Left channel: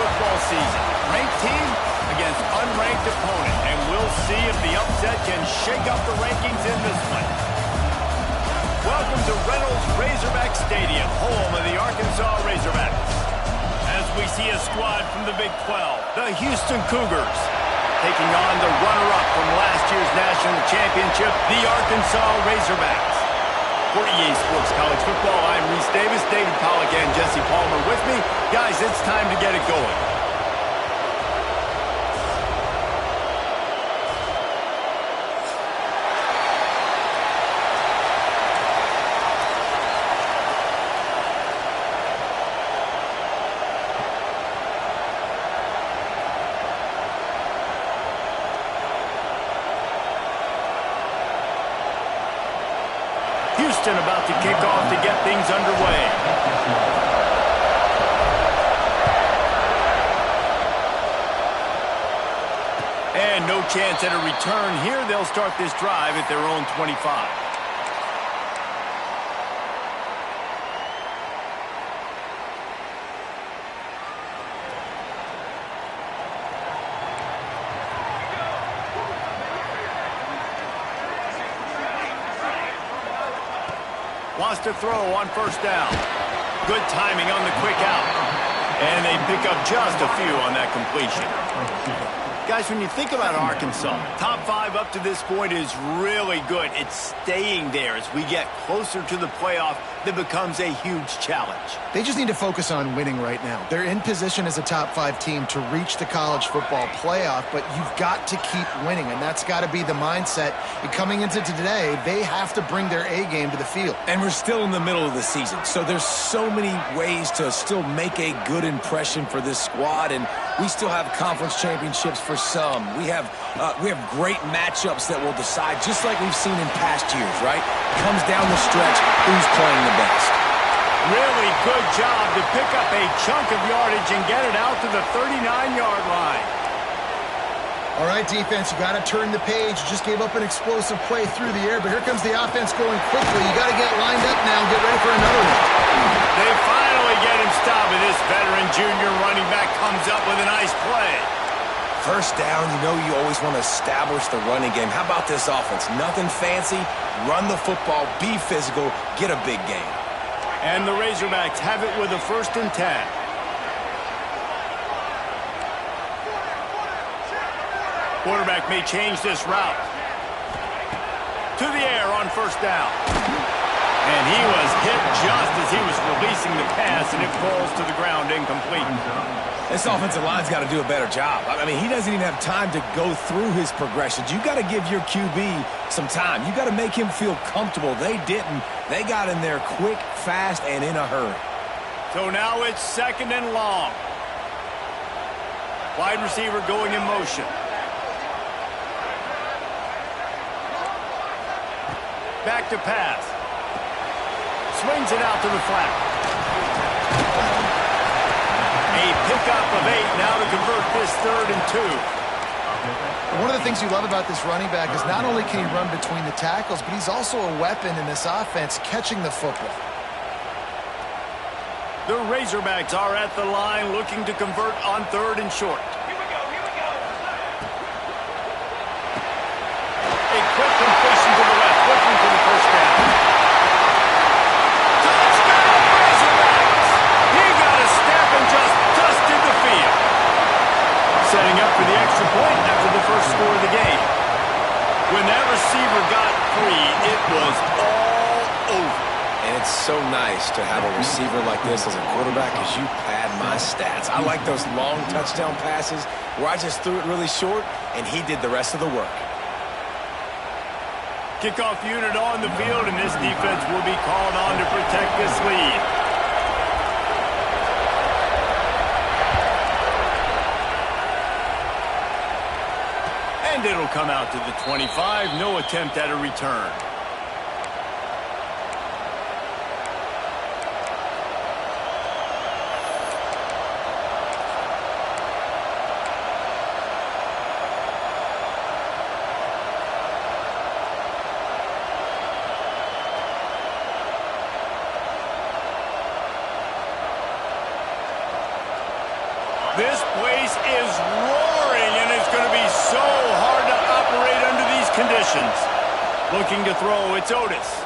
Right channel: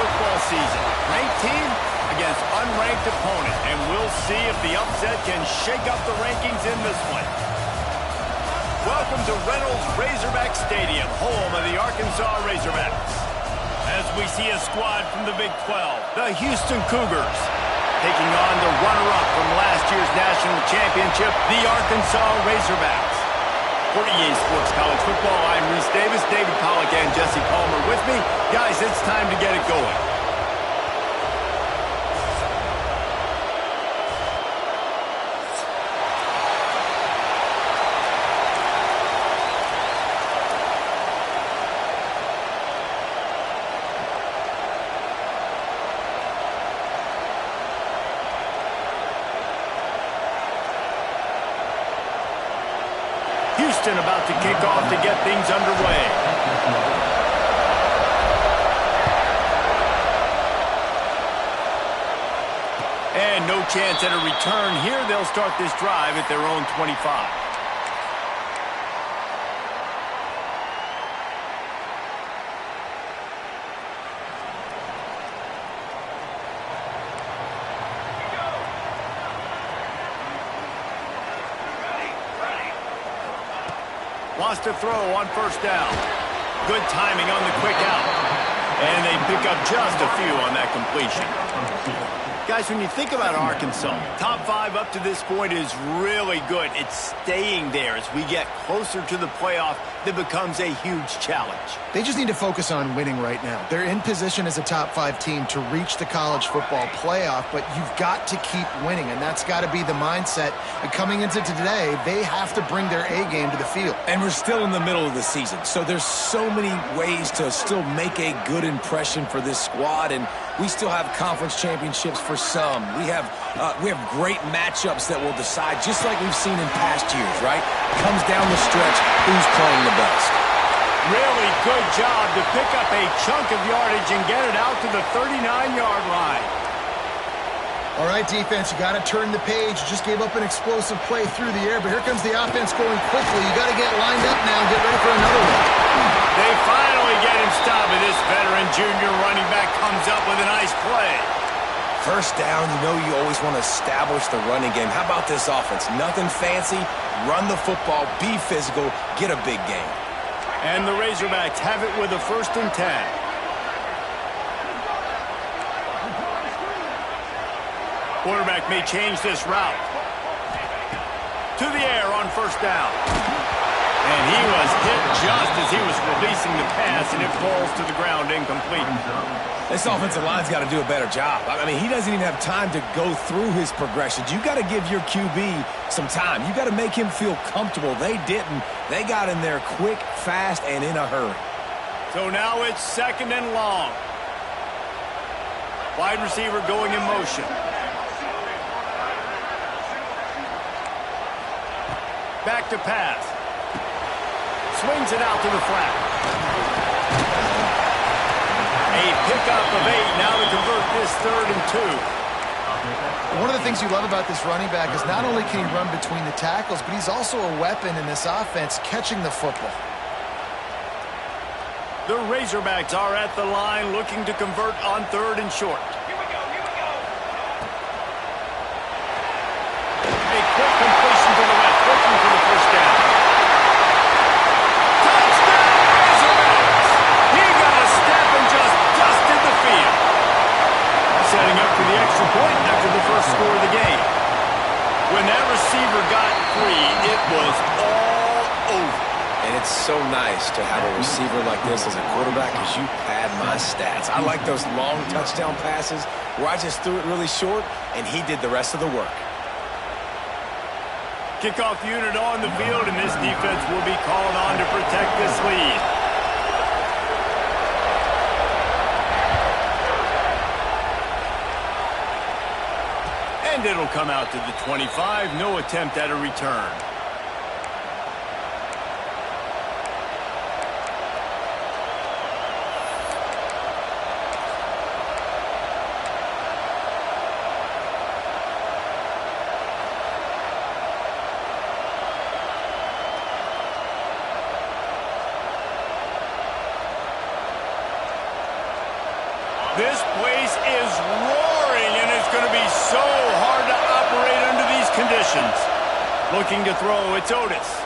football season. Ranked team against unranked opponent, and we'll see if the upset can shake up the rankings in this one. Welcome to Reynolds Razorback Stadium, home of the Arkansas Razorbacks. As we see a squad from the Big 12, the Houston Cougars, taking on the runner-up from last year's national championship, the Arkansas Razorbacks. For EA Sports College Football, I'm Reese Davis, David Pollack, and Jesse Palmer with me. Guys, it's time to get it going. Houston about to kick off to get things underway. And no chance at a return here. They'll start this drive at their own 25. Wants to throw on first down. Good timing on the quick out. And they pick up just a few on that completion. Guys, when you think about Arkansas, top 5 up to this point is really good. It's staying there as we get closer to the playoff that becomes a huge challenge. They just need to focus on winning right now. They're in position as a top 5 team to reach the college football playoff, but you've got to keep winning, and that's got to be the mindset. And coming into today, they have to bring their A game to the field. And we're still in the middle of the season, so there's so many ways to still make a good impression for this squad, and we still have conference championships for some. We have great matchups that will decide, just like we've seen in past years, right? Comes down the stretch, who's playing the best. Really good job to pick up a chunk of yardage and get it out to the 39-yard line. All right, defense, you got to turn the page. You just gave up an explosive play through the air, but here comes the offense going quickly. You got to get lined up now and get ready for another one. They finally get him stopped, and this veteran junior running back comes up with a nice play. First down, you know you always want to establish the running game. How about this offense? Nothing fancy. Run the football, be physical, get a big gain. And the Razorbacks have it with a 1st and 10. Quarterback may change this route. To the air on first down. And he was hit just as he was releasing the pass, and it falls to the ground incomplete. This offensive line's got to do a better job. I mean, he doesn't even have time to go through his progressions. You got to give your QB some time. You got to make him feel comfortable. They didn't. They got in there quick, fast, and in a hurry. So now it's 2nd and long. Wide receiver going in motion. Back to pass. Swings it out to the flat. A pickup of 8 now to convert this 3rd and 2. One of the things you love about this running back is not only can he run between the tackles, but he's also a weapon in this offense catching the football. The Razorbacks are at the line looking to convert on 3rd and short. Here we go, here we go. A quick completion to the left, looking for the first down. Touchdown, Razorbacks! He got a step and just dusted the field. Setting up for the extra point after the first score of the game. When that receiver got free, it was all over. And it's so nice to have a receiver like this as a quarterback because you pad my stats. I like those long touchdown passes where I just threw it really short and he did the rest of the work. Kickoff unit on the field, and this defense will be called on to protect this lead. And it'll come out to the 25. No attempt at a return. This place is roaring, and it's going to be so hard to operate under these conditions. Looking to throw, it's Otis.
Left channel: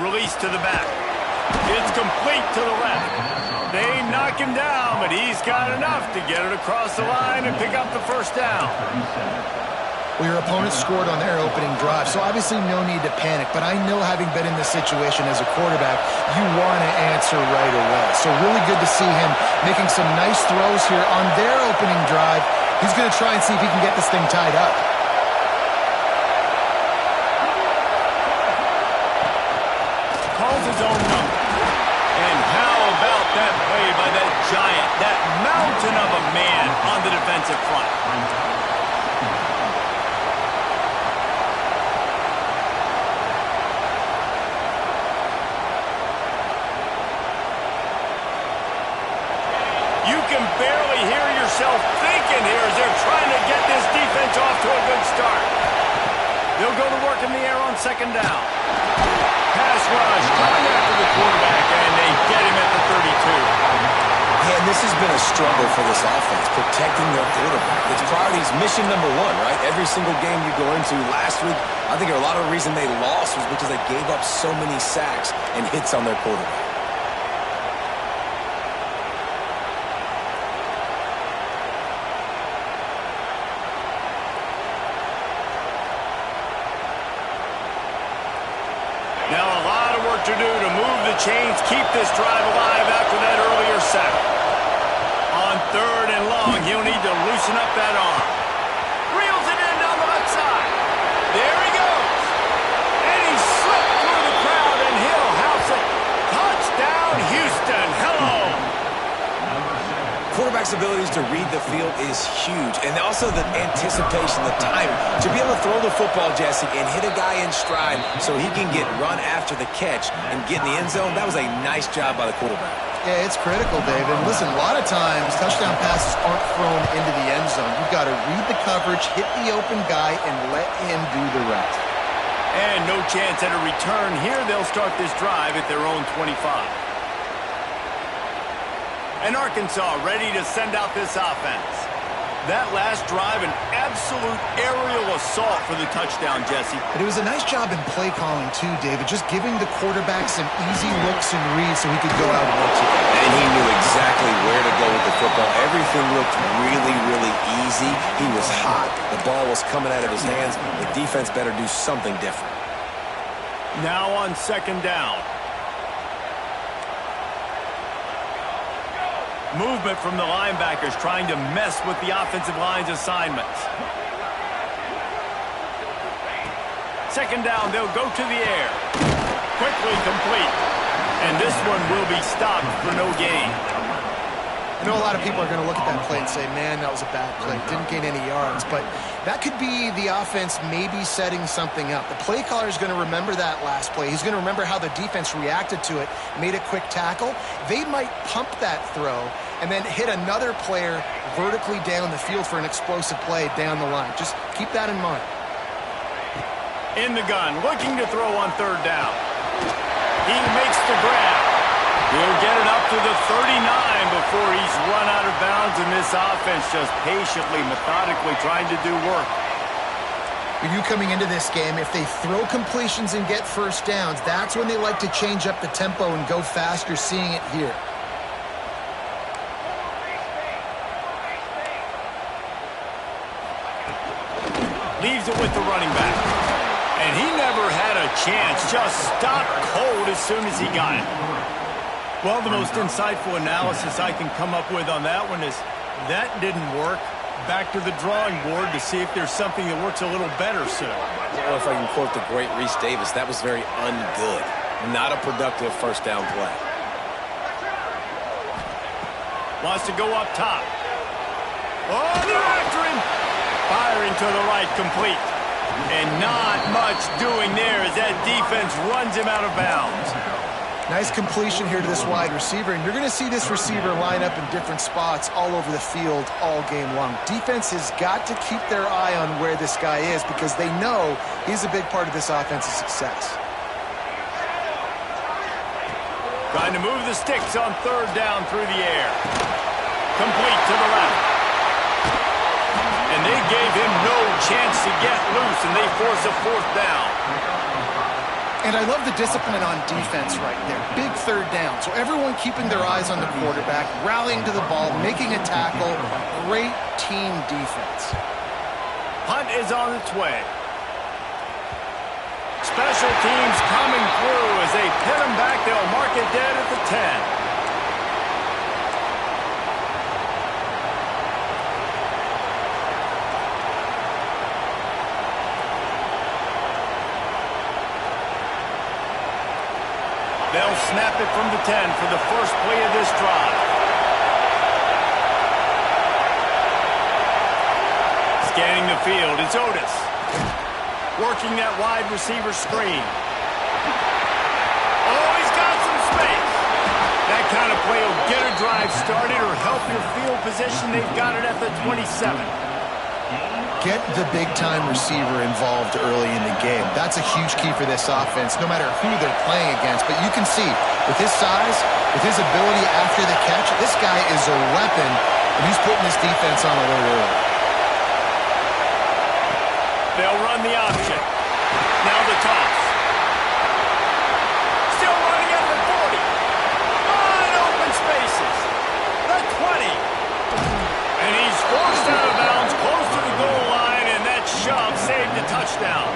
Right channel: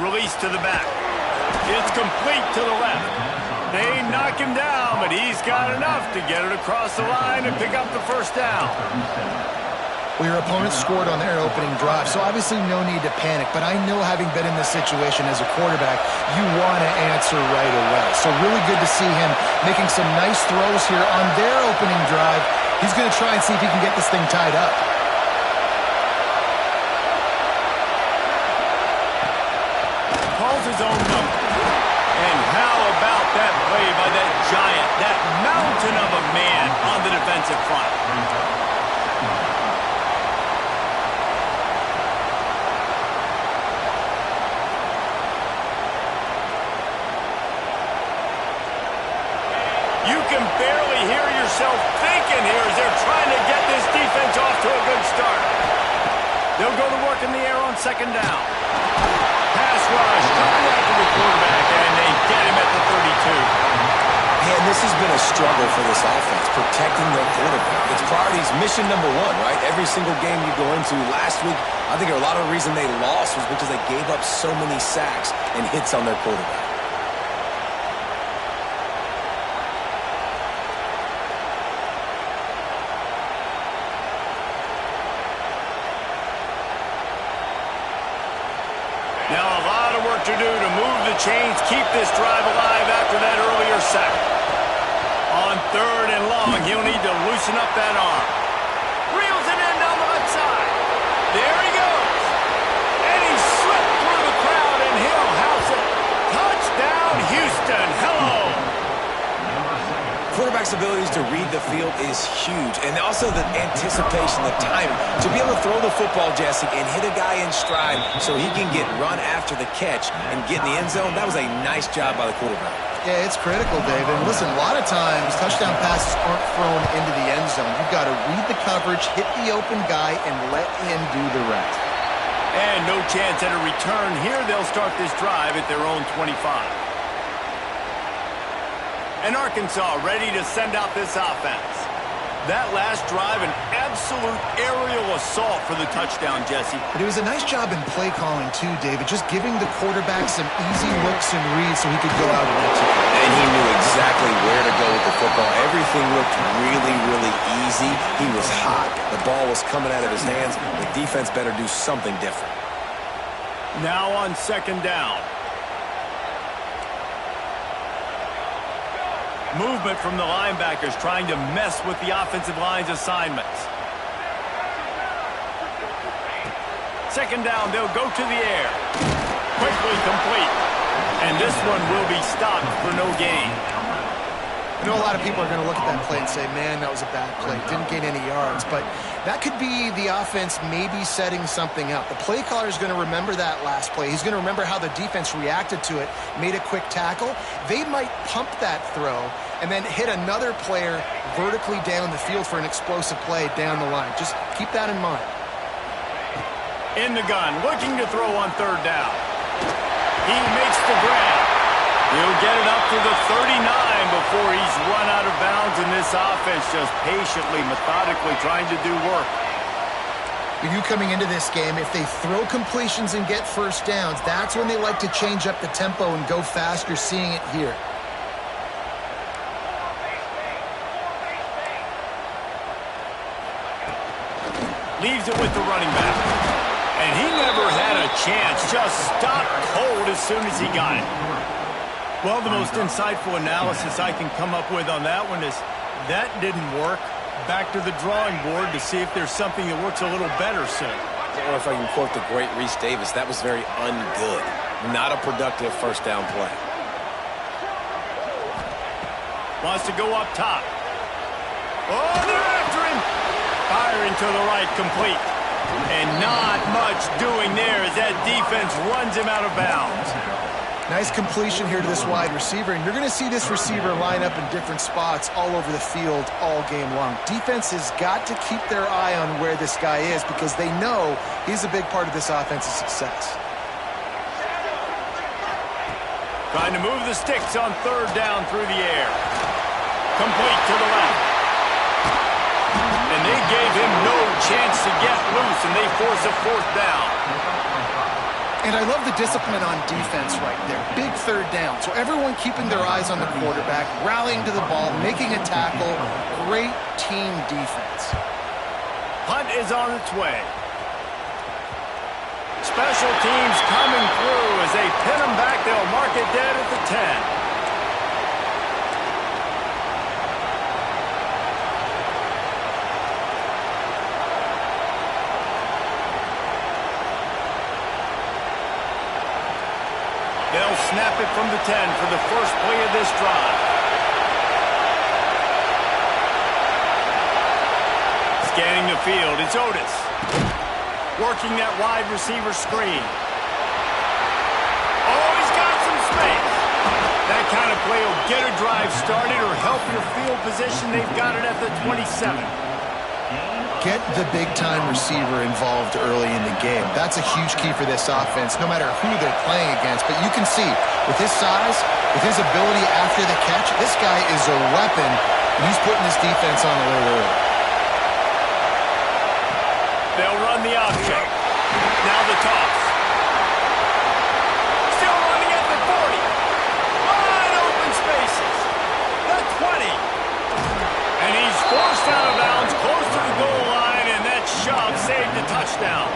Release to the back. It's complete to the left. They knock him down, but he's got enough to get it across the line and pick up the first down. Well, your opponent scored on their opening drive, so obviously no need to panic. But I know, having been in this situation as a quarterback, you want to answer right away. So really good to see him making some nice throws here on their opening drive. He's going to try and see if he can get this thing tied up. Calls his own number. And how about that play by that giant, that mountain of a man on the defensive front? You can barely hear yourself thinking here as they're trying to get this defense off to a good start. They'll go to work in the air on second down. Pass rush, coming after the quarterback, and they get him at the 32. And this has been a struggle for this offense, protecting their quarterback. It's priorities, mission number one, right? Every single game you go into. Last week, I think a lot of the reason they lost was because they gave up so many sacks and hits on their quarterback. Now a lot of work to do to move the chains, keep this drive alive after that earlier sack. On third and long, he'll need to loosen up that arm. Reels it in down the left side. There he goes. And he slipped through the crowd, and he'll house it. Touchdown, Houston. Hello. Quarterback's abilities to read the field is huge, and also the anticipation, the timing. To be able to throw the football, Jesse, and hit a guy in stride so he can get run after the catch and get in the end zone, that was a nice job by the quarterback. Yeah, it's critical, David. And listen, a lot of times touchdown passes aren't thrown into the end zone. You've got to read the coverage, hit the open guy, and let him do the rest. And no chance at a return here. They'll start this drive at their own 25. And Arkansas ready to send out this offense. That last drive, an absolute aerial assault for the touchdown, Jesse. But it was a nice job in play calling, too, David, just giving the quarterback some easy looks and reads so he could go out and execute. And he knew exactly where to go with the football. Everything looked really, really easy. He was hot. The ball was coming out of his hands. The defense better do something different. Now on second down. Movement from the linebackers trying to mess with the offensive line's assignments. Second down, they'll go to the air. Quickly complete. And this one will be stopped for no gain. I know a lot of people are going to look at that play and say, man, that was a bad play. Didn't gain any yards. But that could be the offense maybe setting something up. The play caller is going to remember that last play. He's going to remember how the defense reacted to it, made a quick tackle. They might pump that throw and then hit another player vertically down the field for an explosive play down the line. Just keep that in mind. In the gun, looking to throw on third down. He makes the grab. He'll get it up to the 39 before he's run out of bounds, and this offense just patiently, methodically trying to do work. For you coming into this game, if they throw completions and get first downs, that's when they like to change up the tempo and go fast. You're seeing it here. Leaves it with the running back. And he never had a chance. Just stopped cold as soon as he got it. Well, the most insightful analysis I can come up with on that one is that didn't work. Back to the drawing board to see if there's something that works a little better soon. Or if I can quote the great Reese Davis, that was very ungood. Not a productive first down play. Wants to go up top. Oh, they're after him. Firing to the right, complete. And not much doing there as that defense runs him out of bounds. Nice completion here to this wide receiver, and you're going to see this receiver line up in different spots all over the field all game long. Defense has got to keep their eye on where this guy is because they know he's a big part of this offense's success. Trying to move the sticks on third down through the air. Complete to the left. They gave him no chance to get loose, and they force a fourth down. And I love the discipline on defense right there. Big third down. So everyone keeping their eyes on the quarterback, rallying to the ball, making a tackle. Great team defense. Punt is on its way. Special teams coming through as they pin them back. They'll mark it dead at the 10. They'll snap it from the 10 for the first play of this drive. Scanning the field, it's Otis. Working that wide receiver screen. Oh, he's got some space. That kind of play will get a drive started or help your field position. They've got it at the 27. Get the big-time receiver involved early in the game. That's a huge key for this offense, no matter who they're playing against. But you can see, with his size, with his ability after the catch, this guy is a weapon, and he's putting this defense on alert early. They'll run the option. Now the toss. Still running at the 40. Wide open spaces. The 20. And he's forced out of bounds close to the goal line, and that shove saved a touchdown.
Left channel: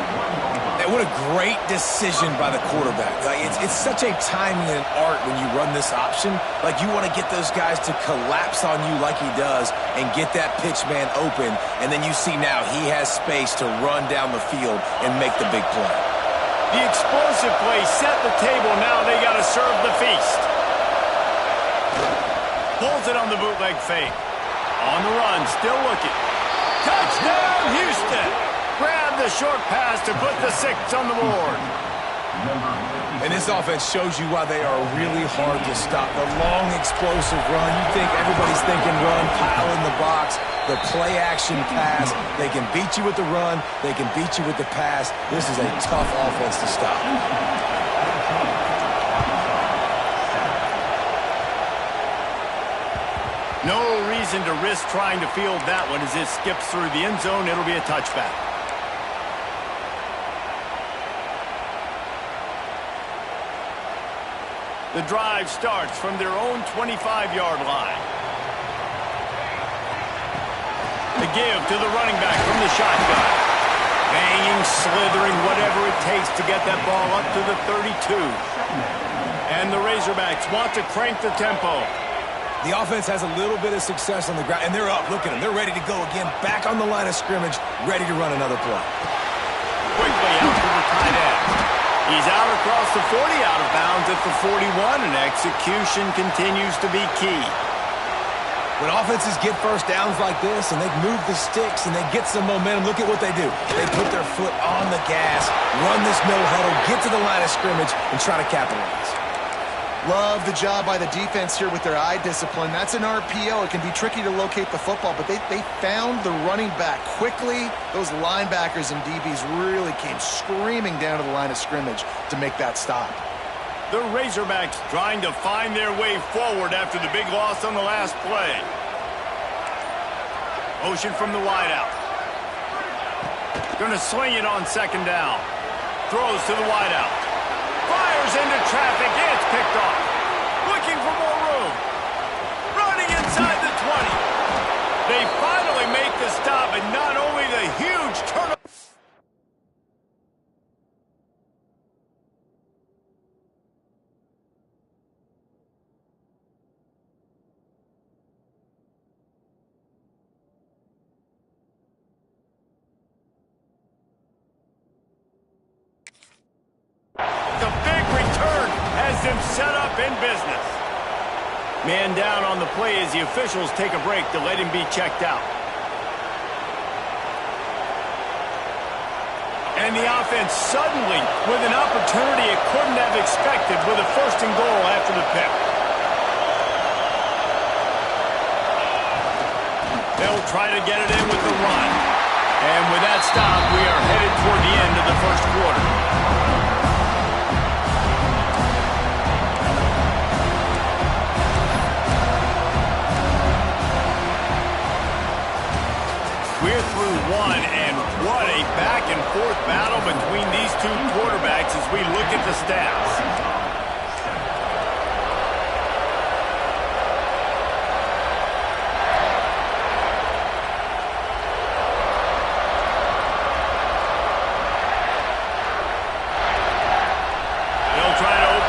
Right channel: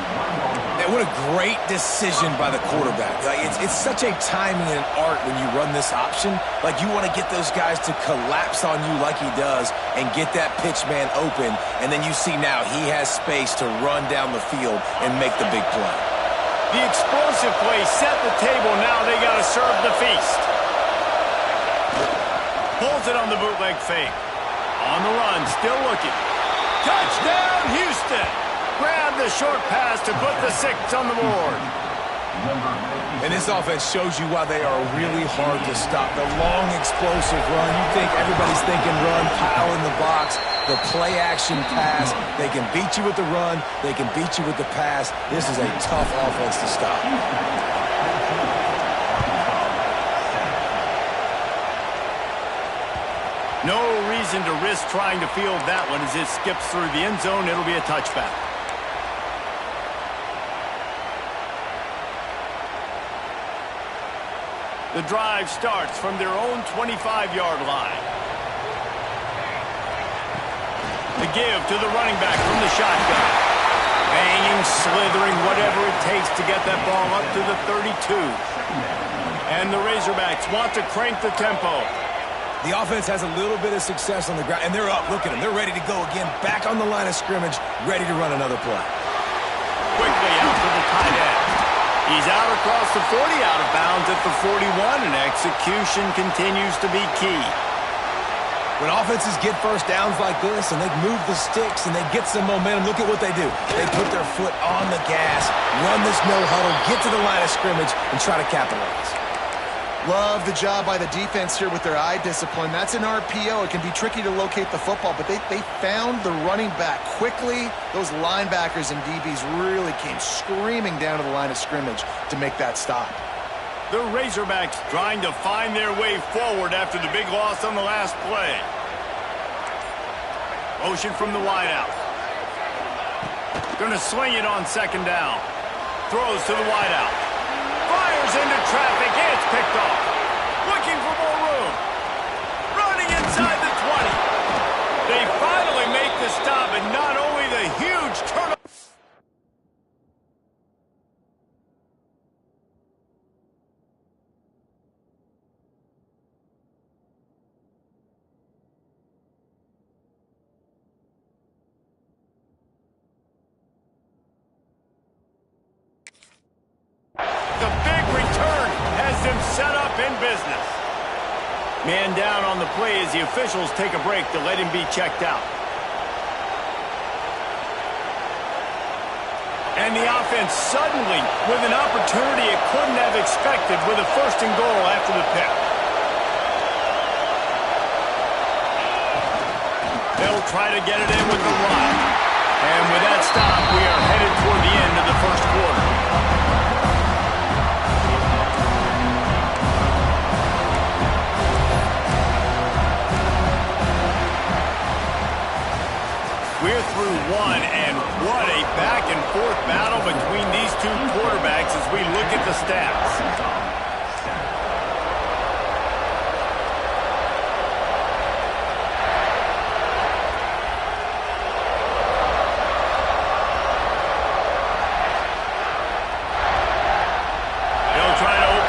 And what a great decision by the quarterback. Like, it's such a timing and an art when you run this option. Like, you want to get those guys to collapse on you like he does and get that pitch man open, and then you see now he has space to run down the field and make the big play. The explosive play set the table. Now they got to serve the feast. Pulls it on the bootleg fake. On the run, still looking. Touchdown, Houston! Grab the short pass to put the 6 on the board. And this offense shows you why they are really hard to stop. The long, explosive run. You think everybody's thinking run, pile in the box. The play-action pass. They can beat you with the run. They can beat you with the pass. This is a tough offense to stop. No reason to risk trying to field that one as it skips through the end zone. It'll be a touchback. The drive starts from their own 25-yard line. The give to the running back from the shotgun. Banging, slithering, whatever it takes to get that ball up to the 32. And the Razorbacks want to crank the tempo. The offense has a little bit of success on the ground, and they're up. Look at them. They're ready to go again. Back on the line of scrimmage, ready to run another play. Quickly out to the tight end. He's out across the 40, out of bounds at the 41, and execution continues to be key. When offenses get first downs like this, and they move the sticks, and they get some momentum, look at what they do. They put their foot on the gas, run this no huddle, get to the line of scrimmage, and try to capitalize. Love the job by the defense here with their eye discipline. That's an RPO. It can be tricky to locate the football, but they found the running back quickly. Those linebackers and DBs really came screaming down to the line of scrimmage to make that stop. The Razorbacks trying to find their way forward after the big loss on the last play. Motion from the wideout. Going to sling it on second down. Throws to the wideout. Fires into traffic. It's picked off. Looking for more room. Running inside the 20. They finally make the stop, and not only the huge turnover. The big return has them set up in business. Man down on the play as the officials take a break to let him be checked out. And the offense suddenly with an opportunity it couldn't have expected with a 1st and goal after the pick. They'll try to get it in with the run. And with that stop, we are headed toward the end of the 1st quarter. We're through one, and what a back-and-forth battle between these two quarterbacks as we look at the stats.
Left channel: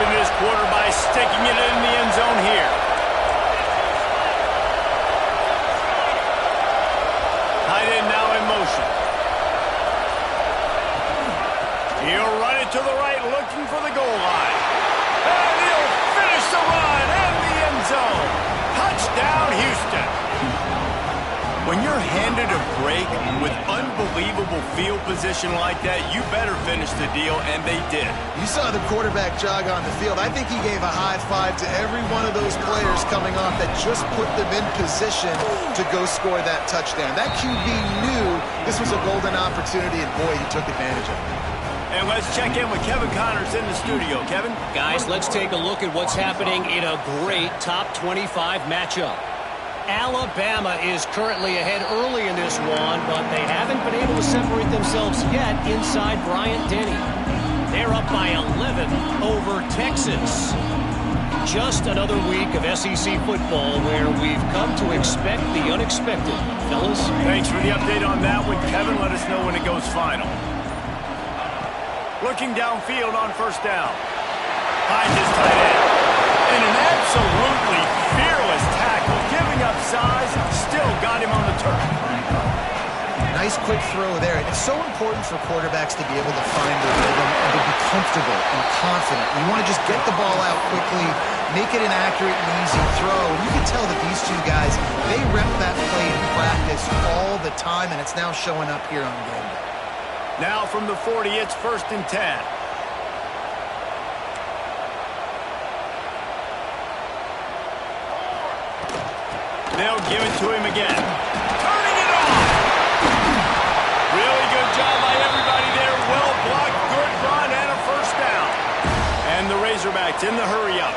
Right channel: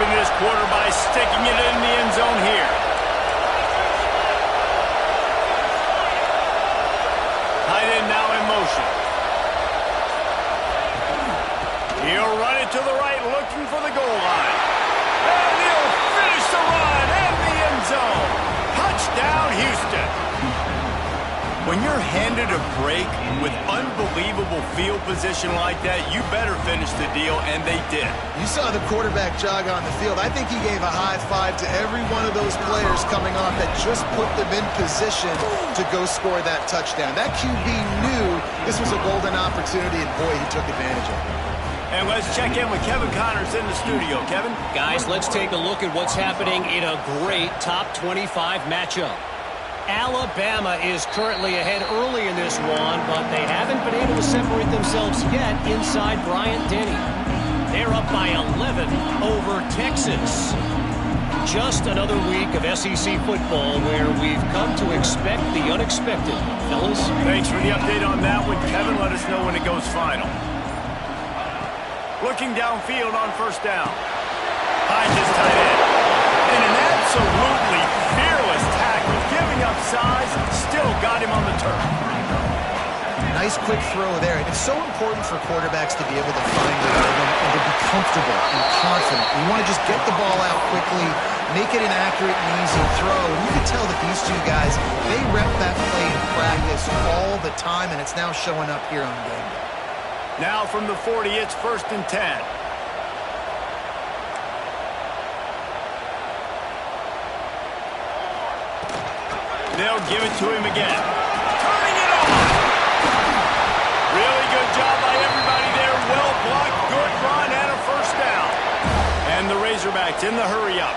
This quarter by sticking it in the end zone here. Tight end now in motion. He'll run it to the right, looking for the goal line. And he'll finish the run and the end zone. Touchdown, Houston. When you're handed a break with unbelievable field position like that, you better finish the deal, and they did. You saw the quarterback jog on the field. I think he gave a high five to every one of those players coming off that just put them in position to go score that touchdown. That QB knew this was a golden opportunity, and boy, he took advantage of it. And let's check in with Kevin Connors in the studio. Kevin? Guys, let's take a look at what's happening in a great top 25 matchup. Alabama is currently ahead early in this one, but they haven't been able to separate themselves yet inside Bryant-Denny. They're up by 11 over Texas. Just another week of SEC football where we've come to expect the unexpected. Fellas? Thanks for the update on that one, Kevin. Let us know when it goes final. Looking downfield on first down. Finds his tight end. And an absolutely fearless tackle, giving up size, still got him on the turf. Nice quick throw there. And it's so important for quarterbacks to be able to find their rhythm and to be comfortable and confident. You want to just get the ball out quickly, make it an accurate and easy throw. And you can tell that these two guys, they rep that play in practice all the time, and it's now showing up here on game day. Now from the 40, it's 1st and 10. They'll give it to him again. Turning it on! Really good job by everybody there. Well blocked, good run, and a first down. And the Razorbacks in the hurry-up.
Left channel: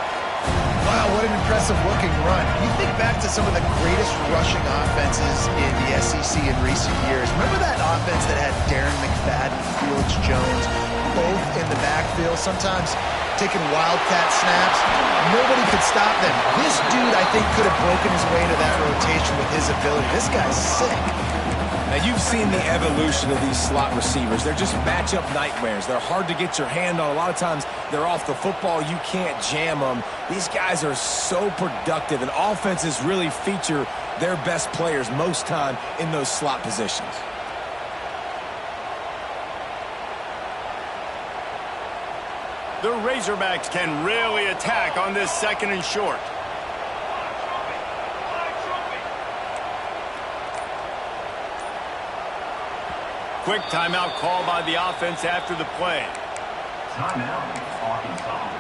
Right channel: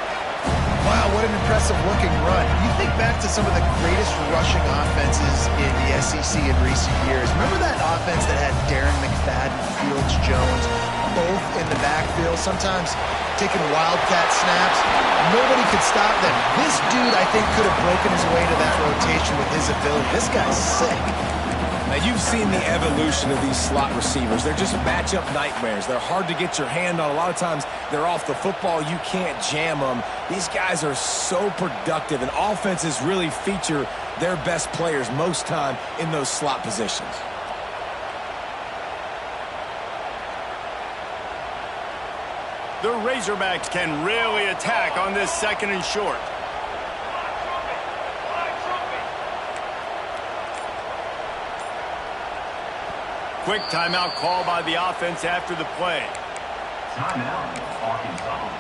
Wow, what an impressive-looking run. You think back to some of the greatest rushing offenses in the SEC in recent years. Remember that offense that had Darren McFadden, Felix Jones, both in the backfield, sometimes taking wildcat snaps? Nobody could stop them. This dude, I think, could have broken his way to that rotation with his ability. This guy's sick. Now, you've seen the evolution of these slot receivers. They're just matchup nightmares. They're hard to get your hand on. A lot of times, they're off the football. You can't jam them. These guys are so productive, and offenses really feature their best players most time in those slot positions. The Razorbacks can really attack on this 2nd and short. Quick timeout call by the offense after the play. Timeout, Arkansas.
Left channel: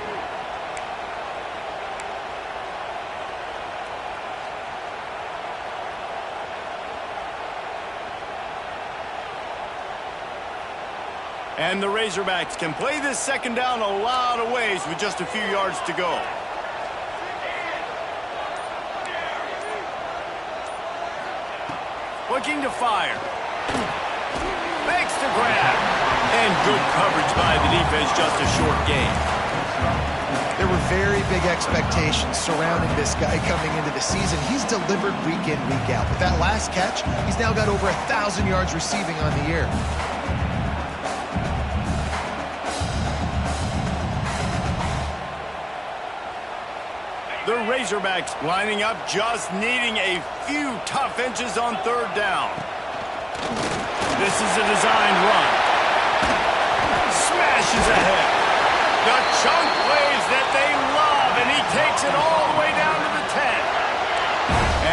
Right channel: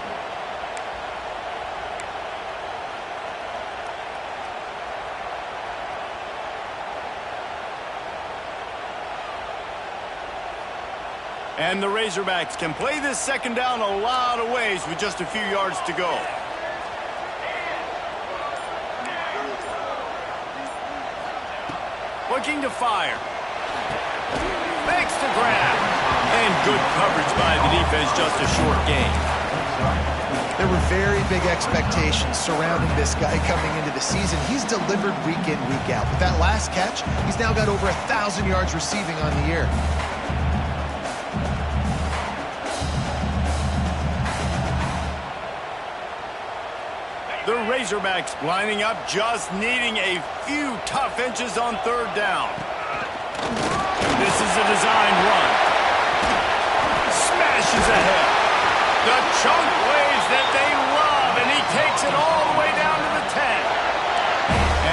And the Razorbacks can play this 2nd down a lot of ways with just a few yards to go. Looking to fire. Makes the grab. And good coverage by the defense, just a short gain. There were very big expectations surrounding this guy coming into the season. He's delivered week in, week out. With that last catch, he's now got over 1,000 yards receiving on the year. The Razorbacks lining up, just needing a few tough inches on 3rd down. This is a designed run. Smashes ahead. The chunk plays that they love, and he takes it all the way down to the 10.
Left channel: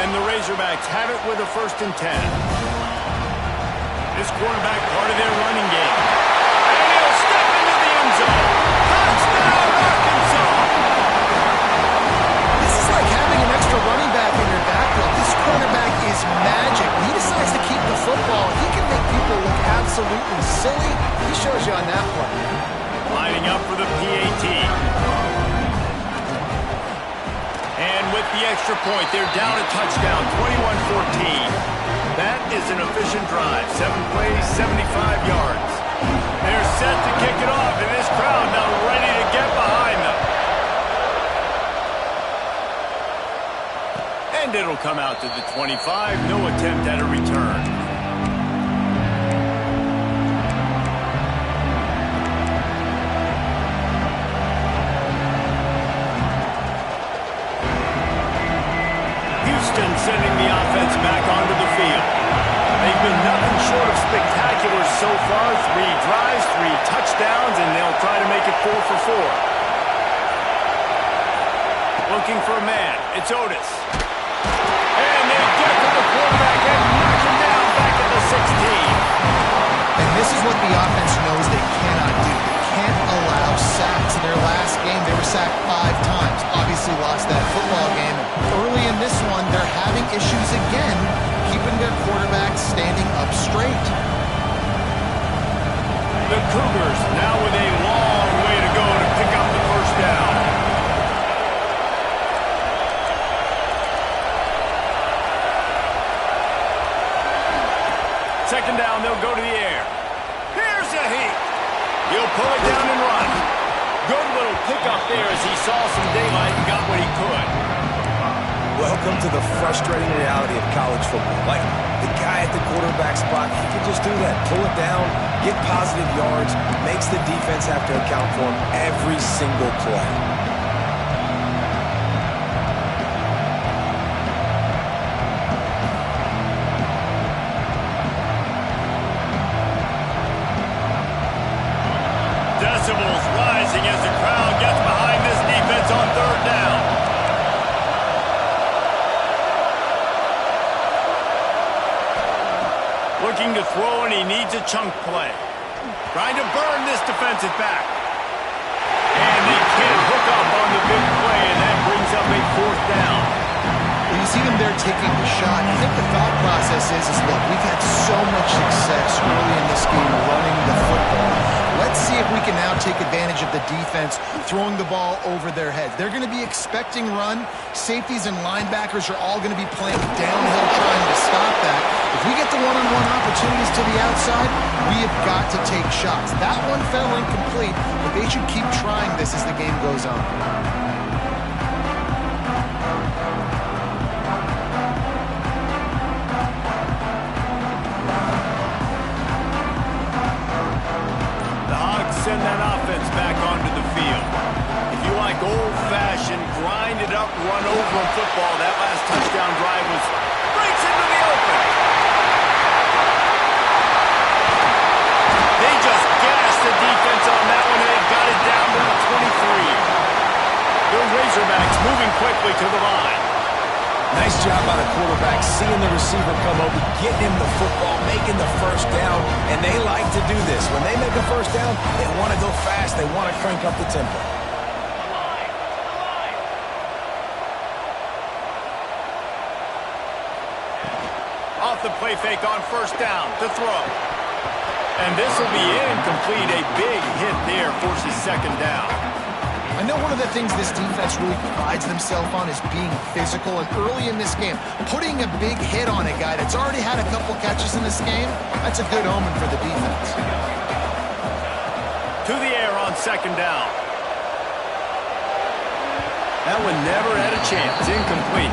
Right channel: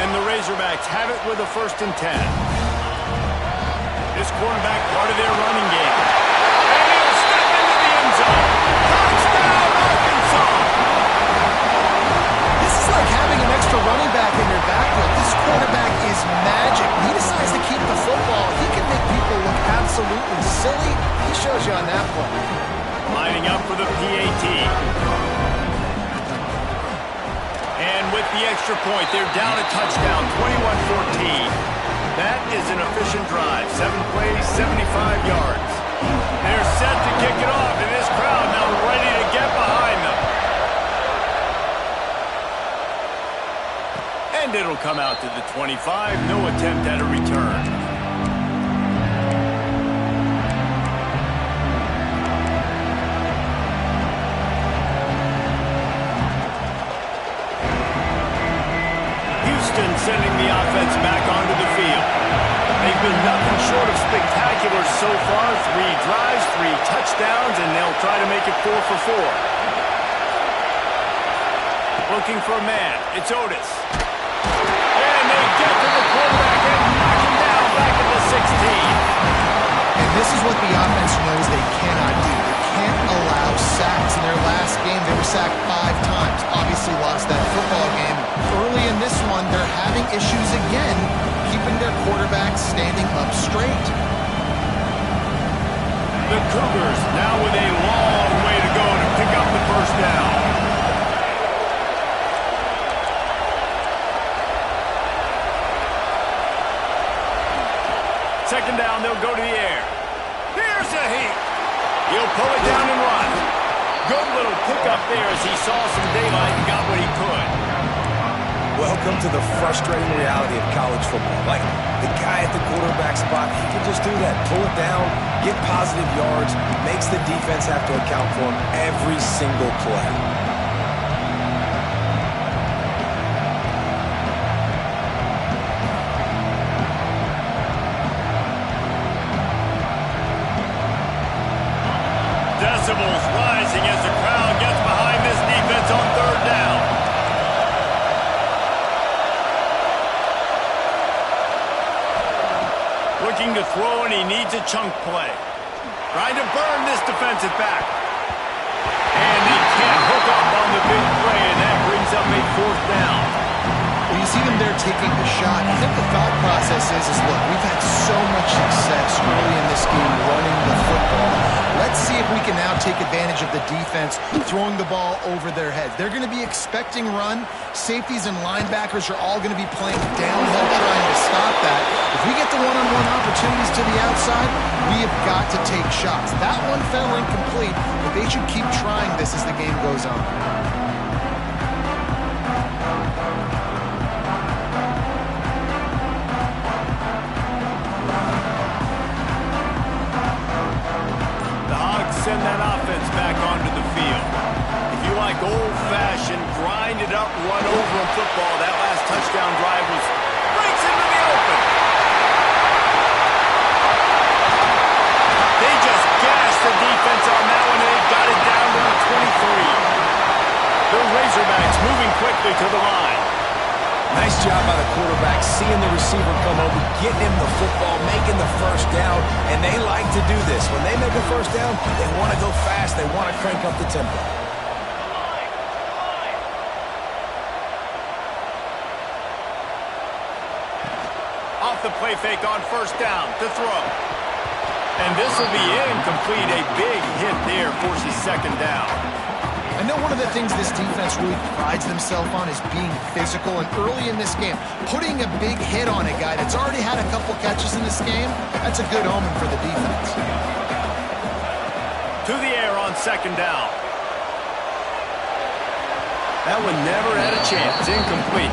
And the Razorbacks have it with a 1st and 10. This quarterback part of their running game. And he'll step into the end zone. Touchdown, Arkansas! Like having an extra running back in your backfield. This quarterback is magic. When he decides to keep the football, he can make people look absolutely silly. He shows you on that play. Lining up for the PAT. And with the extra point, they're down a touchdown, 21-14. That is an efficient drive. 7 plays, 75 yards. They're set to kick it off, and this crowd now ready to get behind them. And it'll come out to the 25. No attempt at a return. Houston sending the offense back onto the field. They've been nothing short of spectacular so far. 3 drives, 3 touchdowns, and they'll try to make it 4 for 4. Looking for a man. It's Otis. And they get to the quarterback and knock him down back at the 16. And this is what the offense knows they cannot do. They can't allow sacks. In their last game, they were sacked 5 times. Obviously lost that football game. Early in this one, they're having issues again, keeping their quarterback standing up straight. The Cougars now with a long way to go to pick up the first down. Second down, they'll go to the air. Here's a heat. He'll pull it down and run. Good little pickup there as he saw some daylight and got what he could. Welcome to the frustrating reality of college football. Like, the guy at the quarterback spot, he can just do that. Pull it down, get positive yards, makes the defense have to account for him every single play. Decibels rising as the crowd gets behind this defense on third down. Looking to throw, and he needs a chunk play. Trying to burn this defensive back. And he can't hook up on the big play, and that brings up a 4th down. Well, you see them there taking the shot. I think the thought process is look, we've had so much success early in this game running the football. Let's see if we can now take advantage of the defense throwing the ball over their heads. They're going to be expecting run. Safeties and linebackers are all going to be playing downhill trying to stop that. If we get the one-on-one opportunities to the outside, we have got to take shots. That one fell incomplete, but they should keep trying this as the game goes on. Send that offense back onto the field. If you like old-fashioned, grind-it-up, run-over football, that last touchdown drive was breaks into the open. They just gashed the defense on that one, and they got it down to the 23. The Razorbacks moving quickly to the line. Nice job by the quarterback, seeing the receiver come over, getting him the football, making the first down, and they like to do this. When they make a first down, they want to go fast, they want to crank up the tempo. Off the play fake on first down to throw. And this will be incomplete. A big hit there forces second down. I know one of the things this defense really prides themselves on is being physical, and early in this game, putting a big hit on a guy that's already had a couple catches in this game, that's a good omen for the defense. To the air on second down. That one never had a chance. Incomplete.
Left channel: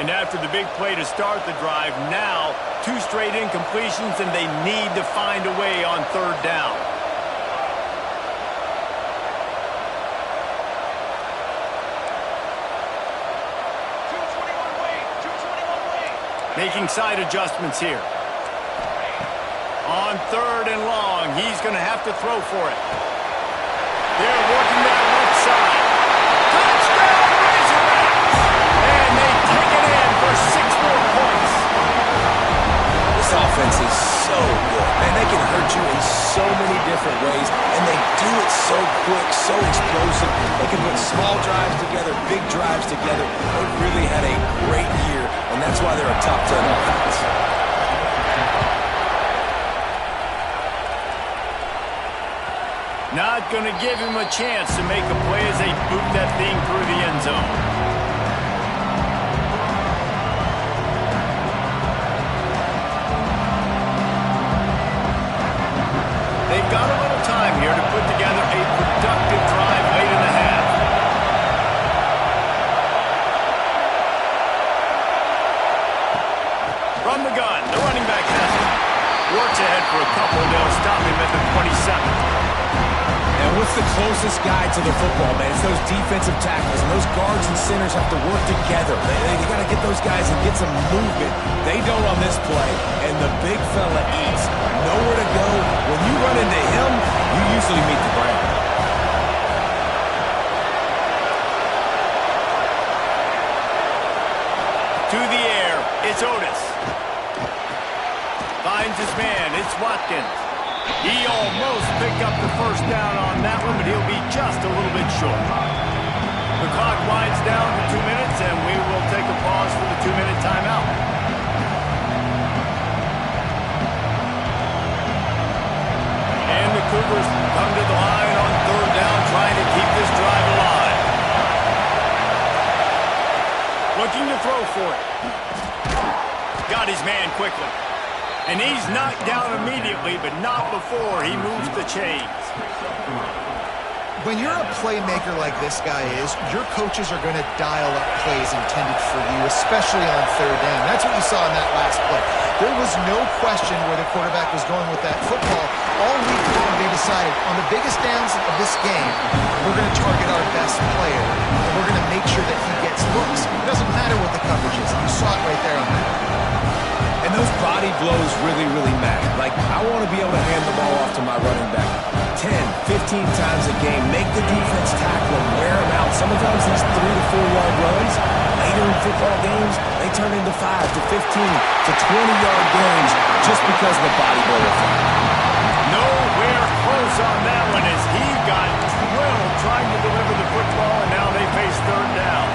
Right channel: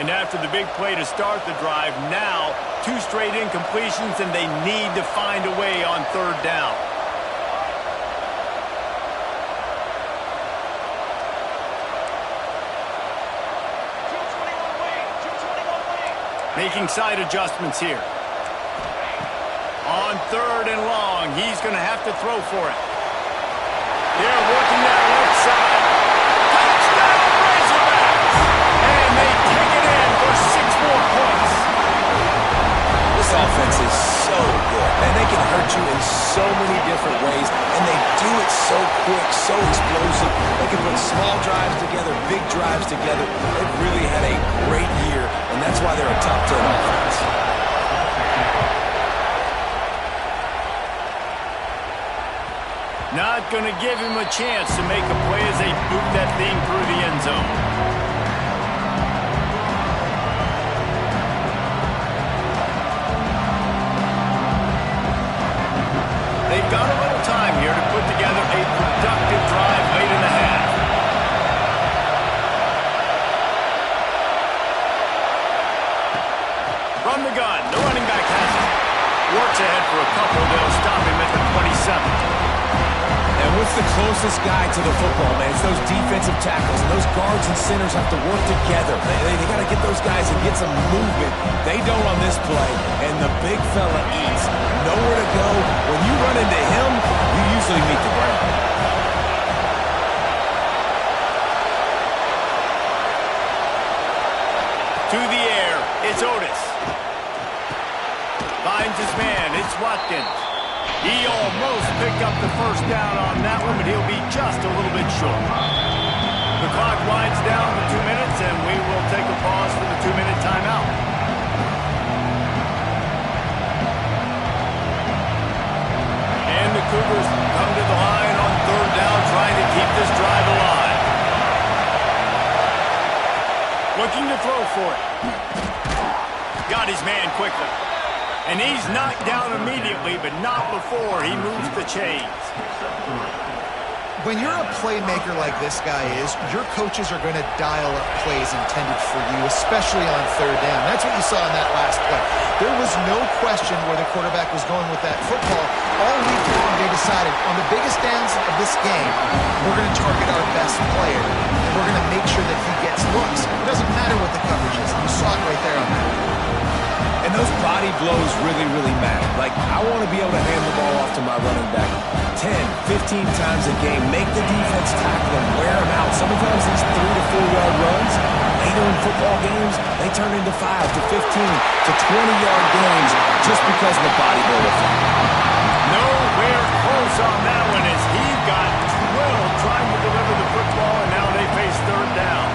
And after the big play to start the drive, now 2 straight incompletions, and they need to find a way on third down. Making side adjustments here. On third and long, he's going to have to throw for it. They're working that left side. Touchdown, Razorbacks! And they take it in for 6 more points. This offense is so good. Man, they can hurt you in so many different ways, and they do it so quick, so explosive. They can put small drives together, big drives together. They've really had a great year, and that's why they're a top 10 offense. Not going to give him a chance to make a play as they boot that thing through the end zone. They've got a little time here to put together a productive drive late in the half. From the gun, the running back has it. Works ahead for a couple. They'll stop him at the 27. And what's the closest guy to the football, man? It's those defensive tackles, and those guards and centers have to work together. They got to get those guys and get some movement. They don't on this play, and the big fella eats. Nowhere to go. When you run into him, you usually meet the ground. To the air, it's Otis. Finds his man, it's Watkins. He almost picked up the first down on that one, but he'll be just a little bit short. The clock winds down to 2 minutes, and we will take a pause for the 2-minute timeout. And the Cougars come to the line on third down, trying to keep this drive alive. Looking to throw for it. Got his man quickly. And he's knocked down immediately, but not before he moves the chains. When you're a playmaker like this guy is, your coaches are going to dial up plays intended for you, especially on third down. That's what you saw in that last play. There was no question where the quarterback was going with that football. All week long, they decided, on the biggest downs of this game, we're going to target our best player, and we're going to make sure that he gets looks. It doesn't matter what the coverage is. You saw it right there on that. And those body blows really, really matter. Like, I want to be able to hand the ball off to my running back 10, 15 times a game. Make the defense tackle him, wear him out. Sometimes these 3 to 4 yard runs, later in football games, they turn into 5 to 15 to 20-yard games just because of the body blow effect. Nowhere close on that one as he got drilled trying to deliver the football, and now they face third down.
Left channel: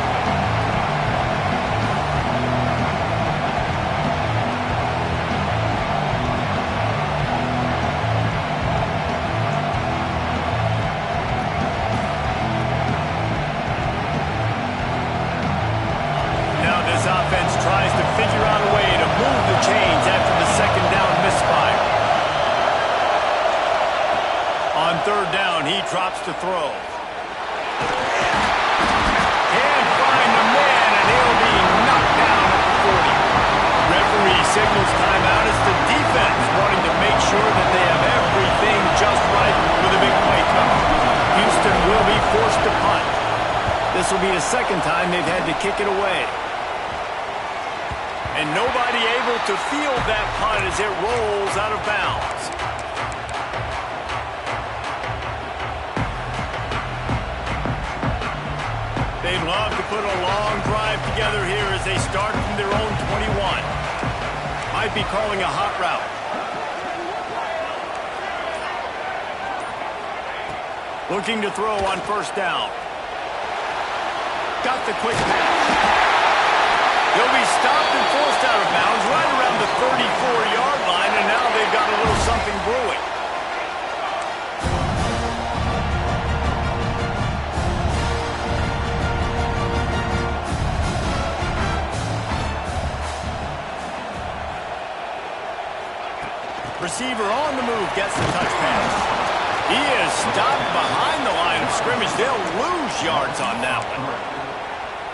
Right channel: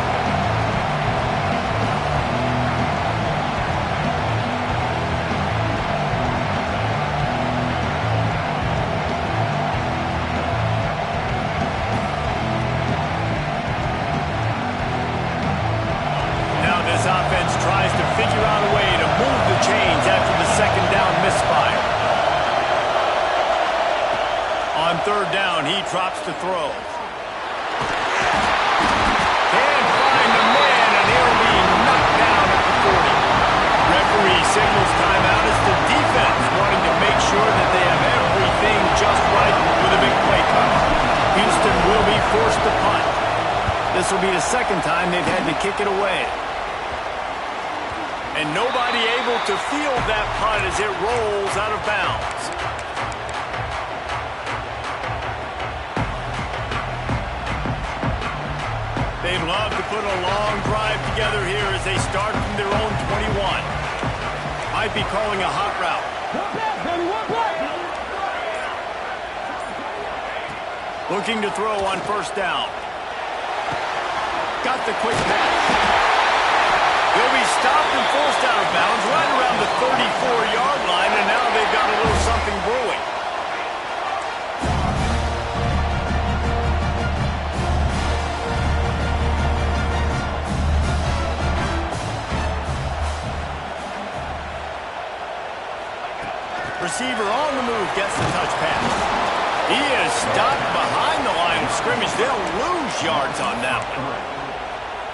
This offense tries to figure out a way to move the chains after the second down misfire. On third down, he drops to throw. Can't find the man, and he'll be knocked down at the 40. Referee signals timeout as the defense wanting to make sure that they have everything just right with a big play coming. Houston will be forced to punt. This will be the second time they've had to kick it away. And nobody able to field that punt as it rolls out of bounds. They'd love to put a long drive together here as they start from their own 21. Might be calling a hot route. Looking to throw on first down. Got the quick pass. He'll be stopped and forced out of bounds right around the 34-yard line, and now they've got a little something brewing. Receiver on the move gets the touch pass. He is stopped behind the line of scrimmage. They'll lose yards on that one.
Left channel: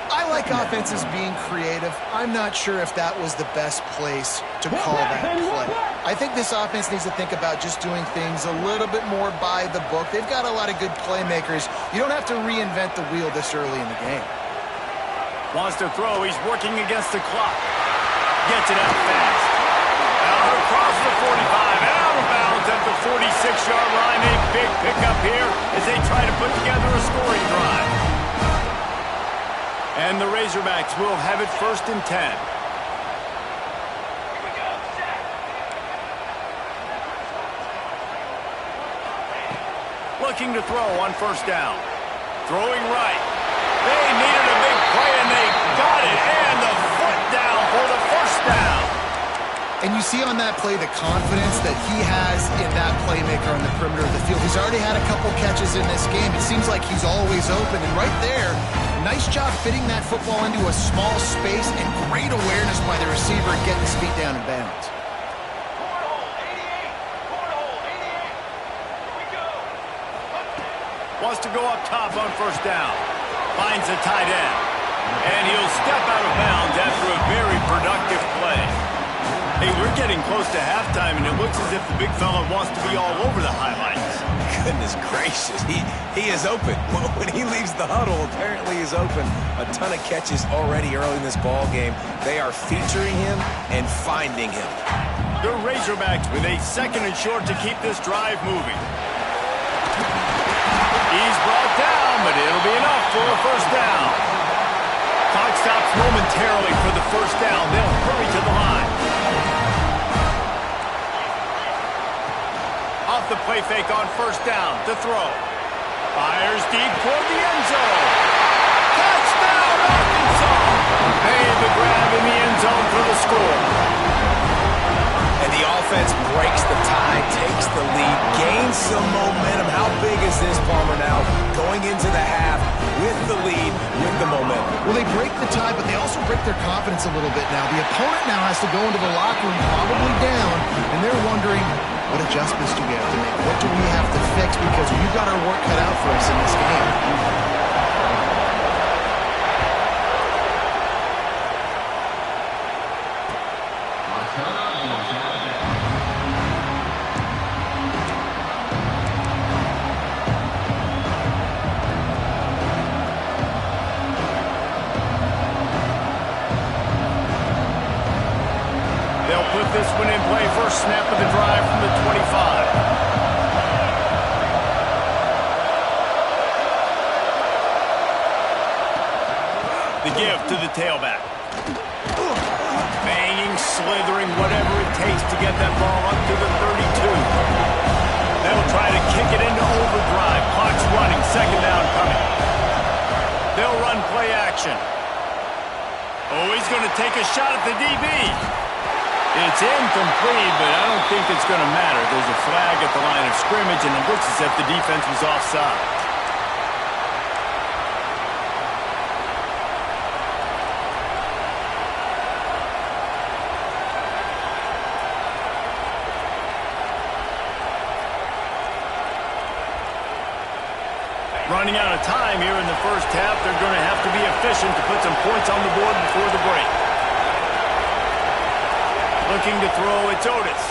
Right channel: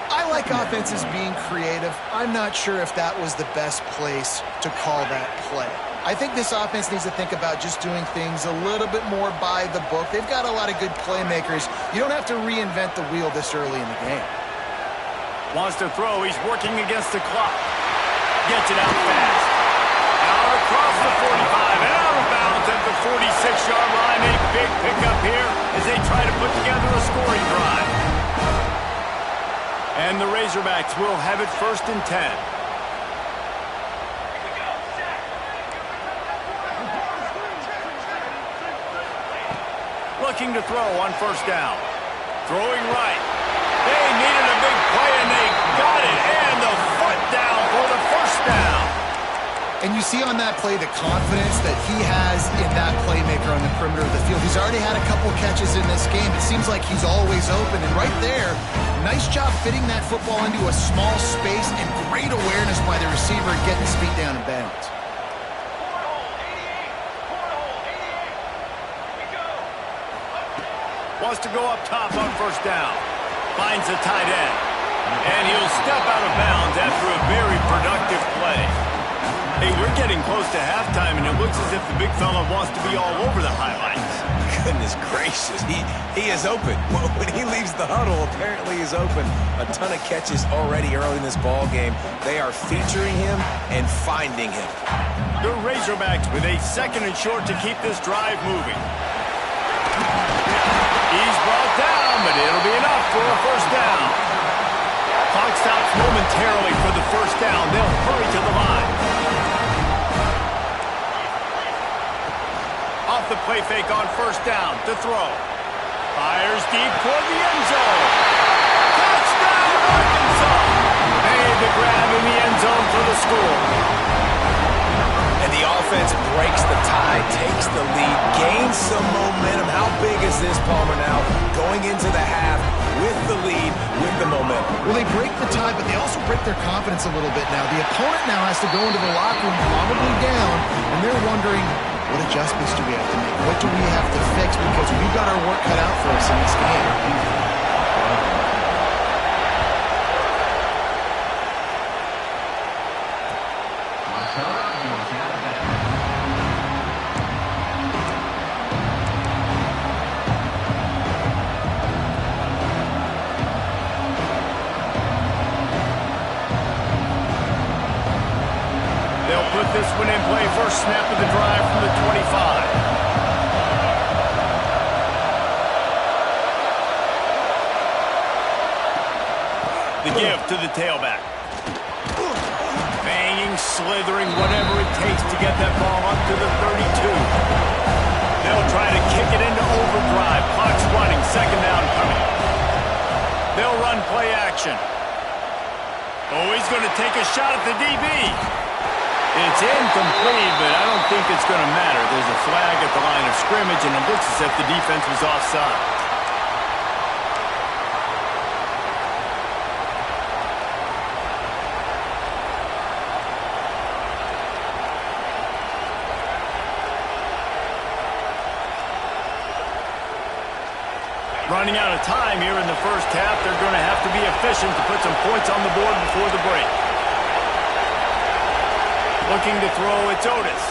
I like offenses being creative. I'm not sure if that was the best place to call that play. I think this offense needs to think about just doing things a little bit more by the book. They've got a lot of good playmakers. You don't have to reinvent the wheel this early in the game. Wants to throw. He's working against the clock. Gets it out fast. Out across the 45 and out of bounds at the 46-yard line. A big pickup here as they try to put together a scoring drive. And the Razorbacks will have it 1st and 10. Looking to throw on first down. Throwing right. They needed a big play, and they got it. And the foot down for the first down. And you see on that play the confidence that he has in that playmaker on the perimeter of the field. He's already had a couple catches in this game. It seems like he's always open. And right there, nice job fitting that football into a small space and great awareness by the receiver and getting his feet down in bounds. Wants to go up top on first down. Finds a tight end. And he'll step out of bounds after a very productive play. Hey, we're getting close to halftime, and it looks as if the big fella wants to be all over the highlights. Goodness gracious, he is open. When he leaves the huddle, apparently he's open. A ton of catches already early in this ball game. They are featuring him and finding him. The Razorbacks with a 2nd and short to keep this drive moving. He's brought down, but it'll be enough for a first down. Clock stops momentarily for the first down. They'll hurry to the line. Off the play fake on first down to throw. Fires deep toward the end zone. Touchdown, Arkansas! Made the grab in the end zone for the score. And the offense breaks the tie, takes the lead, gains some momentum. How big is this, Palmer, now? Going into the half with the lead, with the momentum. Well, they break the tie, but they also break their confidence a little bit now. The opponent now has to go into the locker room probably down, and they're wondering, what adjustments do we have to make? What do we have to fix? Because we've got our work cut out for us in this game. They'll put this one in play. First snap of the drive from the 25. The give to the tailback. Banging, slithering, whatever it takes to get that ball up to the 32. They'll try to kick it into overdrive. Clock's running. 2nd down coming. They'll run play action. Oh, he's going to take a shot at the DB. It's incomplete, but I don't think it's going to matter. There's a flag at the line of scrimmage, and it looks as if the defense was offside. Running out of time here in the first half, they're going to have to be efficient to put some points on the board before the break. Looking to throw, it's Otis.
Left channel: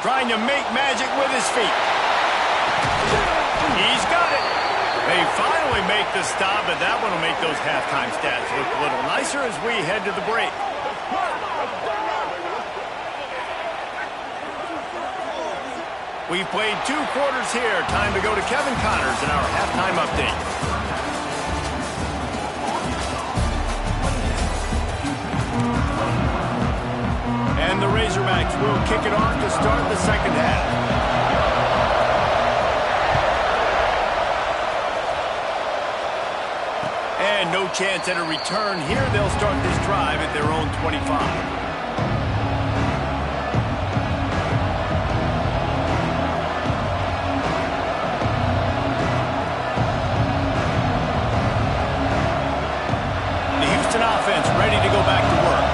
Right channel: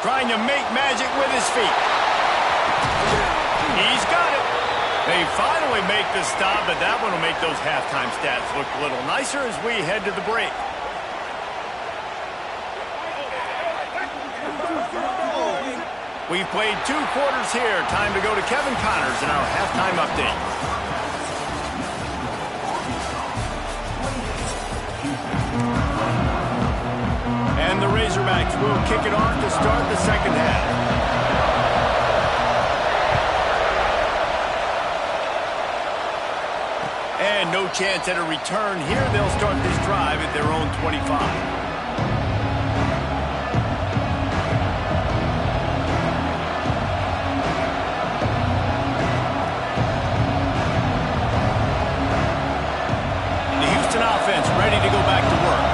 Trying to make magic with his feet. He's got it. They finally make the stop, but that one will make those halftime stats look a little nicer as we head to the break. We've played 2 quarters here. Time to go to Kevin Connors in our halftime update. And the Razorbacks will kick it off to start the second half. And no chance at a return here. They'll start this drive at their own 25. Offense ready to go back to work.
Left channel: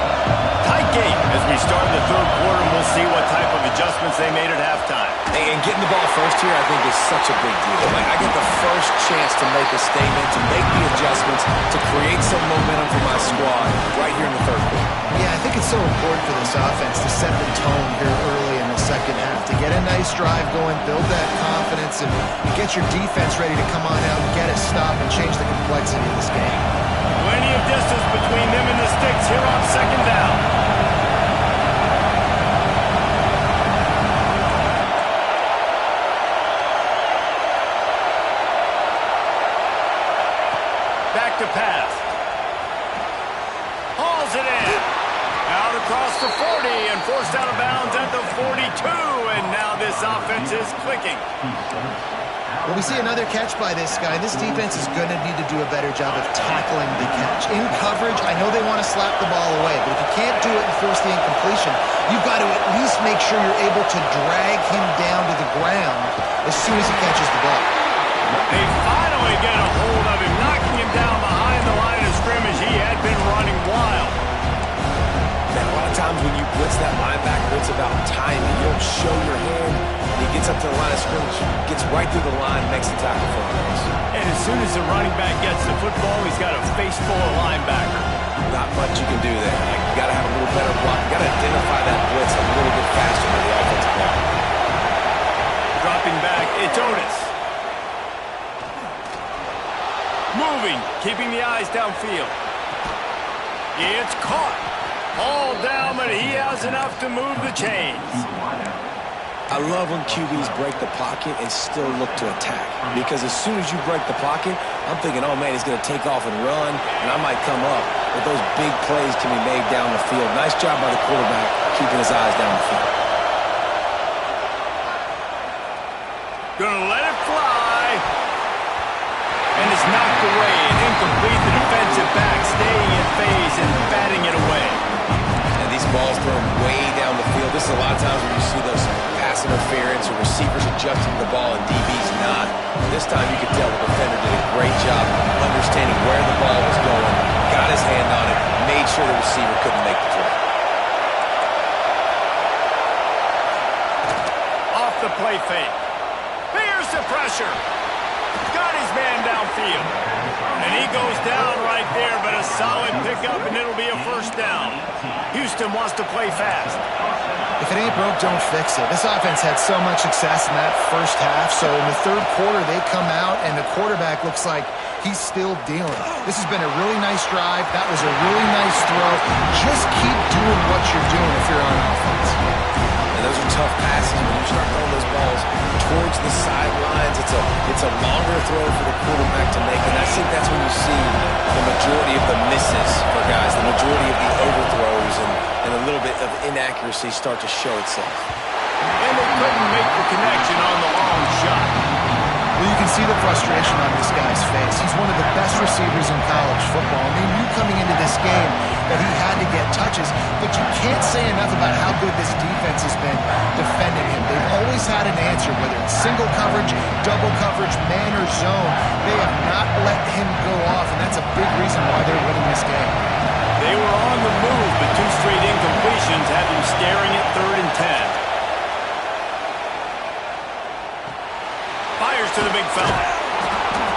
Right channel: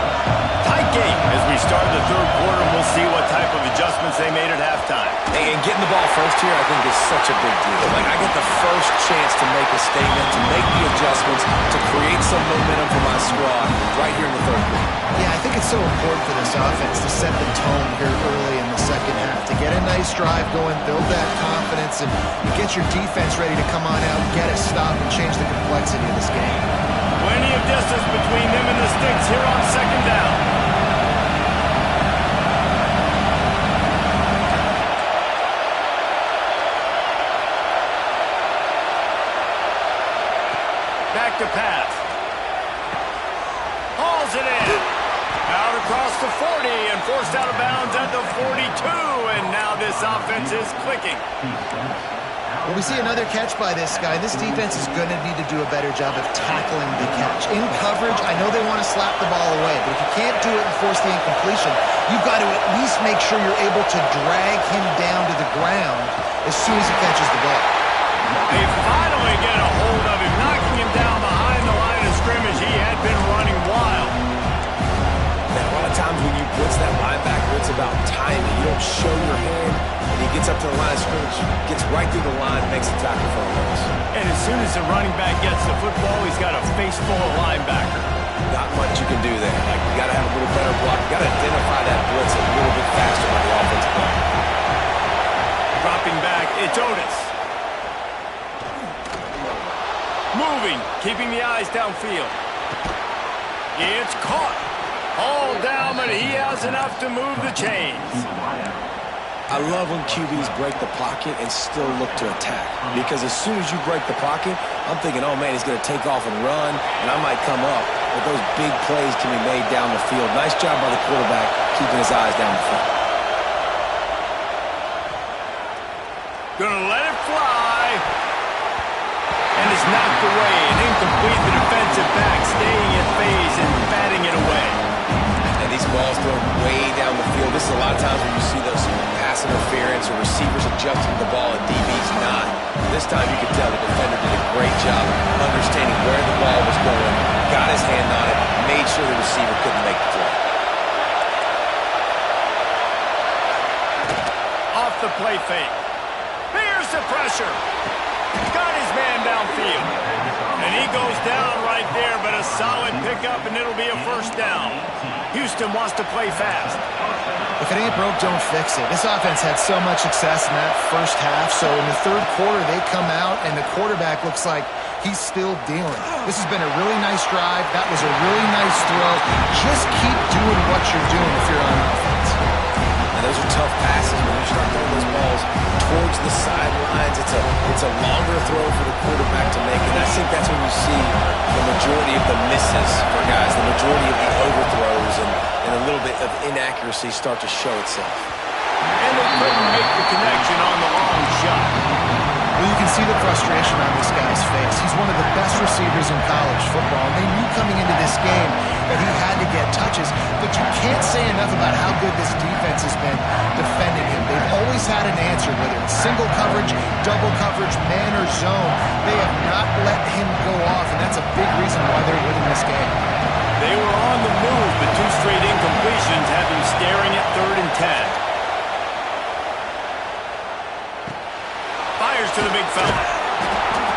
Tight game as we start the 3rd quarter, and we'll see what type of adjustments they made at halftime. And getting the ball first here, I think, is such a big deal. Like, I get the first chance to make a statement, to make the adjustments, to create some momentum for my squad right here in the 3rd quarter. Yeah, I think it's so important for this offense to set the tone here early in the second half, to get a nice drive going, build that confidence, and get your defense ready to come on out, get a stop, and change the complexity of this game. Plenty of distance between them and the sticks here on 2nd down. Back to pass. Hauls it in. Out across the 40 and forced out of bounds at the 42. And now this offense is clicking. Well, we see another catch by this guy. This defense is going to need to do a better job of tackling the catch. In coverage, I know they want to slap the ball away, but if you can't do it and force the incompletion, you've got to at least make sure you're able to drag him down to the ground as soon as he catches the ball. They finally get a hold of him, knocking him down behind the line of scrimmage. He had been running wild. Man, a lot of times when you blitz that linebacker, it's about timing. You don't show your hand, and he gets up to the line of scrimmage, gets right through the line, makes the tackle for him. And as soon as the running back gets the football, he's got a face full of linebacker. Not much you can do there. Like, you got to have a little better block. You got to identify that blitz a little bit faster by the offensive line. Dropping back, it's Otis. Moving, keeping the eyes downfield. It's caught. All down, but he has enough to move the chains. I love when QBs break the pocket and still look to attack. Because as soon as you break the pocket, I'm thinking, oh, man, he's going to take off and run, and I might come up. But those big plays can be made down the field. Nice job by the quarterback keeping his eyes down the field. Gonna let it fly. And it's knocked away and incomplete. The defensive back staying in phase and batting it away. And these balls thrown way down the field. This is a lot of times when you see those pass interference or receivers adjusting the ball and DBs not. This time you could tell the defender did a great job understanding where the ball was going, got his hand on it, made sure the receiver couldn't make the play. Off the play fake. Here's the pressure. Got his man downfield. And he goes down right there, but a solid pickup, and it'll be a first down. Houston wants to play fast. If it ain't broke, don't fix it. This offense had so much success in that first half, so in the third quarter, they come out, and the quarterback looks like he's still dealing. This has been a really nice drive. That was a really nice throw. Just keep doing what you're doing if you're on offense. And those are tough passes when you start throwing those balls towards the sidelines. It's a longer throw for the quarterback to make, and I think that's when you see the majority of the misses for guys, the majority of the overthrows, and a little bit of inaccuracy start to show itself. And they couldn't make the connection on the long shot. Well, you can see the frustration on this guy's face. He's one of the best receivers in college football, and they knew coming into this game that he had to get touches, but you can't say enough about how good this defense has been defending him. They've always had an answer, whether it's single coverage, double coverage, man or zone. They have not let him go off, and that's a big reason why they're winning this game. They were on the move, but two straight incompletions have him staring at 3rd and 10. Fires to the big fella.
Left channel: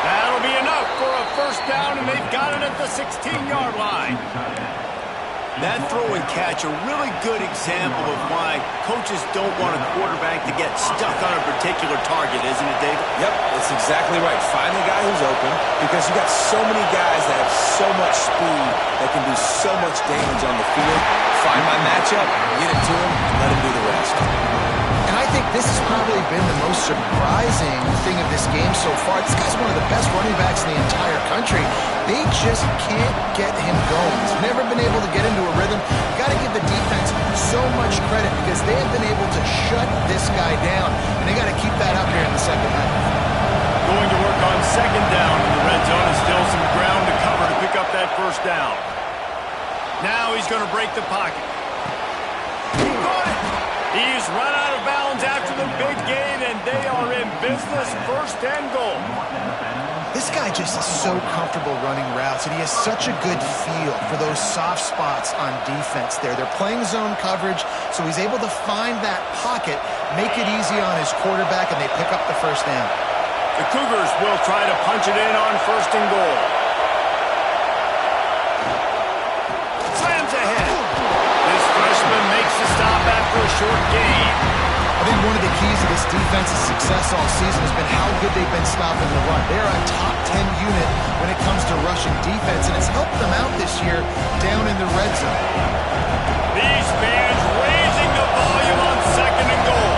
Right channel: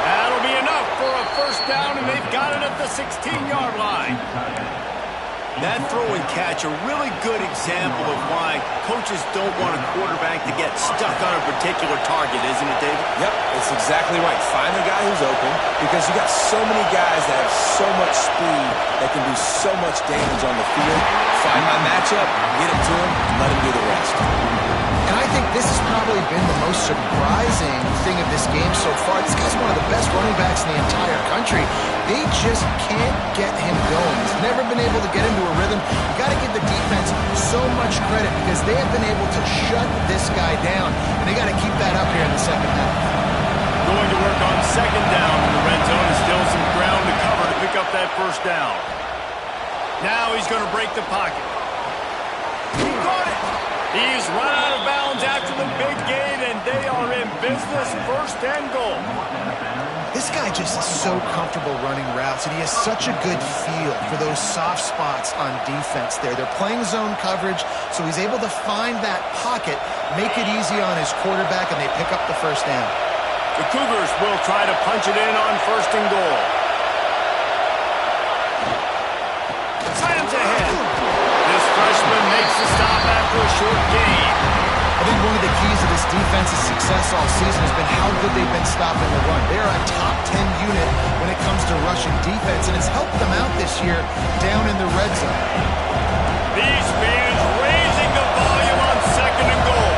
That'll be enough for a first down, and they've got it at the 16-yard line. That throw and catch, a really good example of why coaches don't want a quarterback to get stuck on a particular target, isn't it, David? Yep, that's exactly right. Find the guy who's open, because you got so many guys that have so much speed that can do so much damage on the field. Find my matchup, get it to him, and let him do the rest. And I think this has probably been the most surprising thing of this game so far. This guy's one of the best running backs in the entire country. They just can't get him going. He's never been able to get into a rhythm. You got to give the defense so much credit because they have been able to shut this guy down, and they got to keep that up here in the second half. Going to work on second down in the red zone, and still some ground to cover to pick up that first down. Now he's going to break the pocket. He caught it. He's run out of bounds after the big gain, and they are in business, 1st and goal. This guy just is so comfortable running routes, and he has such a good feel for those soft spots on defense there. They're playing zone coverage, so he's able to find that pocket, make it easy on his quarterback, and they pick up the first down. The Cougars will try to punch it in on 1st and goal. Slams ahead. This freshman makes the stop after a short gain. I think one of the keys to this defense's success all season has been how good they've been stopping the run. They're a top 10 unit when it comes to rushing defense, and it's helped them out this year down in the red zone. These fans raising the volume on 2nd and goal.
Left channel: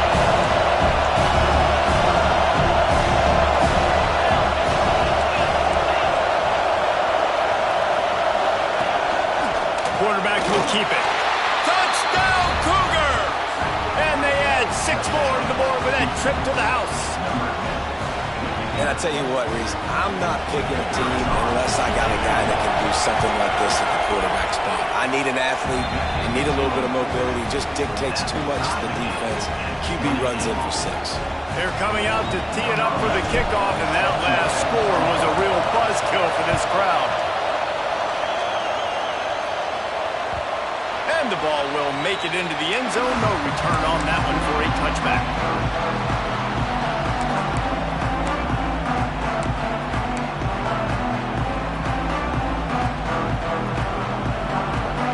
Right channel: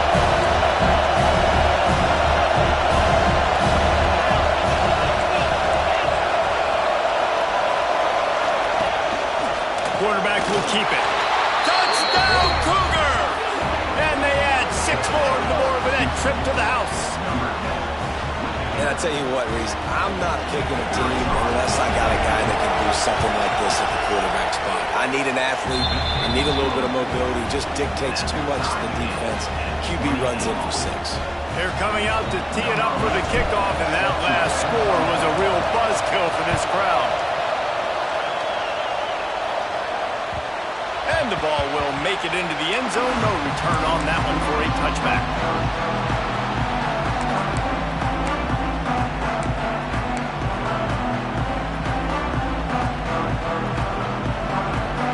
Quarterback will keep it. Touchdown, Cougars! And they add 6 more to the board with that trip to the house. And I tell you what, Reese, I'm not picking a team unless I got a guy that can do something like this at the quarterback spot. I need an athlete. I need a little bit of mobility. Just dictates too much to the defense. QB runs in for 6. They're coming out to tee it up for the kickoff, and that last score was a real buzzkill for this crowd. And the ball will make it into the end zone. No return on that one for a touchback.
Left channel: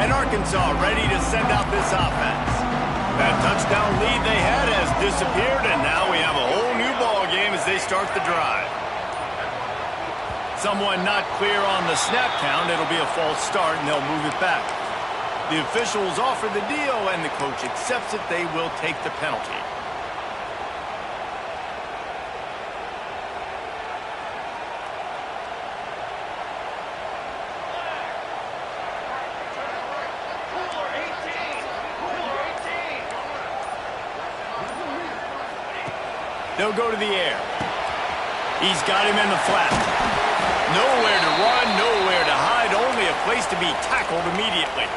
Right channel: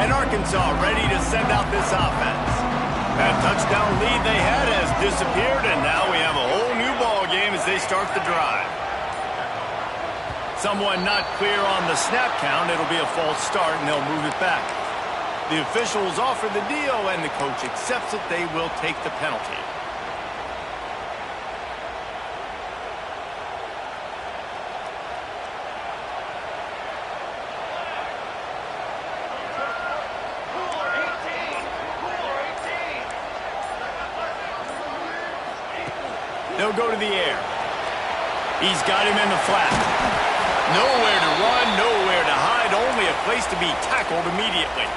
And Arkansas ready to send out this offense. That touchdown lead they had has disappeared, and now we have a whole new ball game as they start the drive. Someone not clear on the snap count. It'll be a false start, and they'll move it back. The officials offer the deal, and the coach accepts it. They will take the penalty. They'll go to the air. He's got him in the flat. Nowhere to run, nowhere to hide, only a place to be tackled immediately.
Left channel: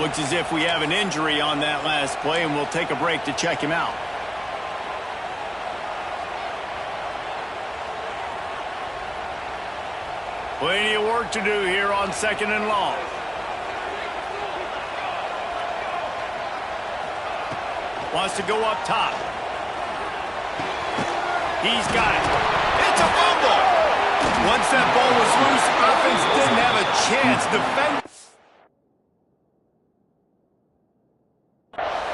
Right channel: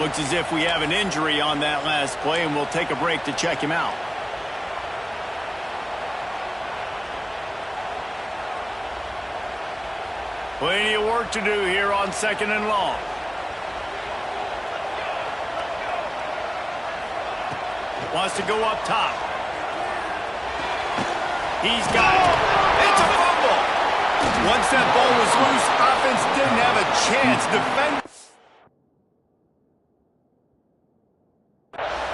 Looks as if we have an injury on that last play, and we'll take a break to check him out. Plenty of work to do here on 2nd and long. Wants to go up top. He's got it. It's a fumble. Once that ball was loose, offense didn't have a chance. Defend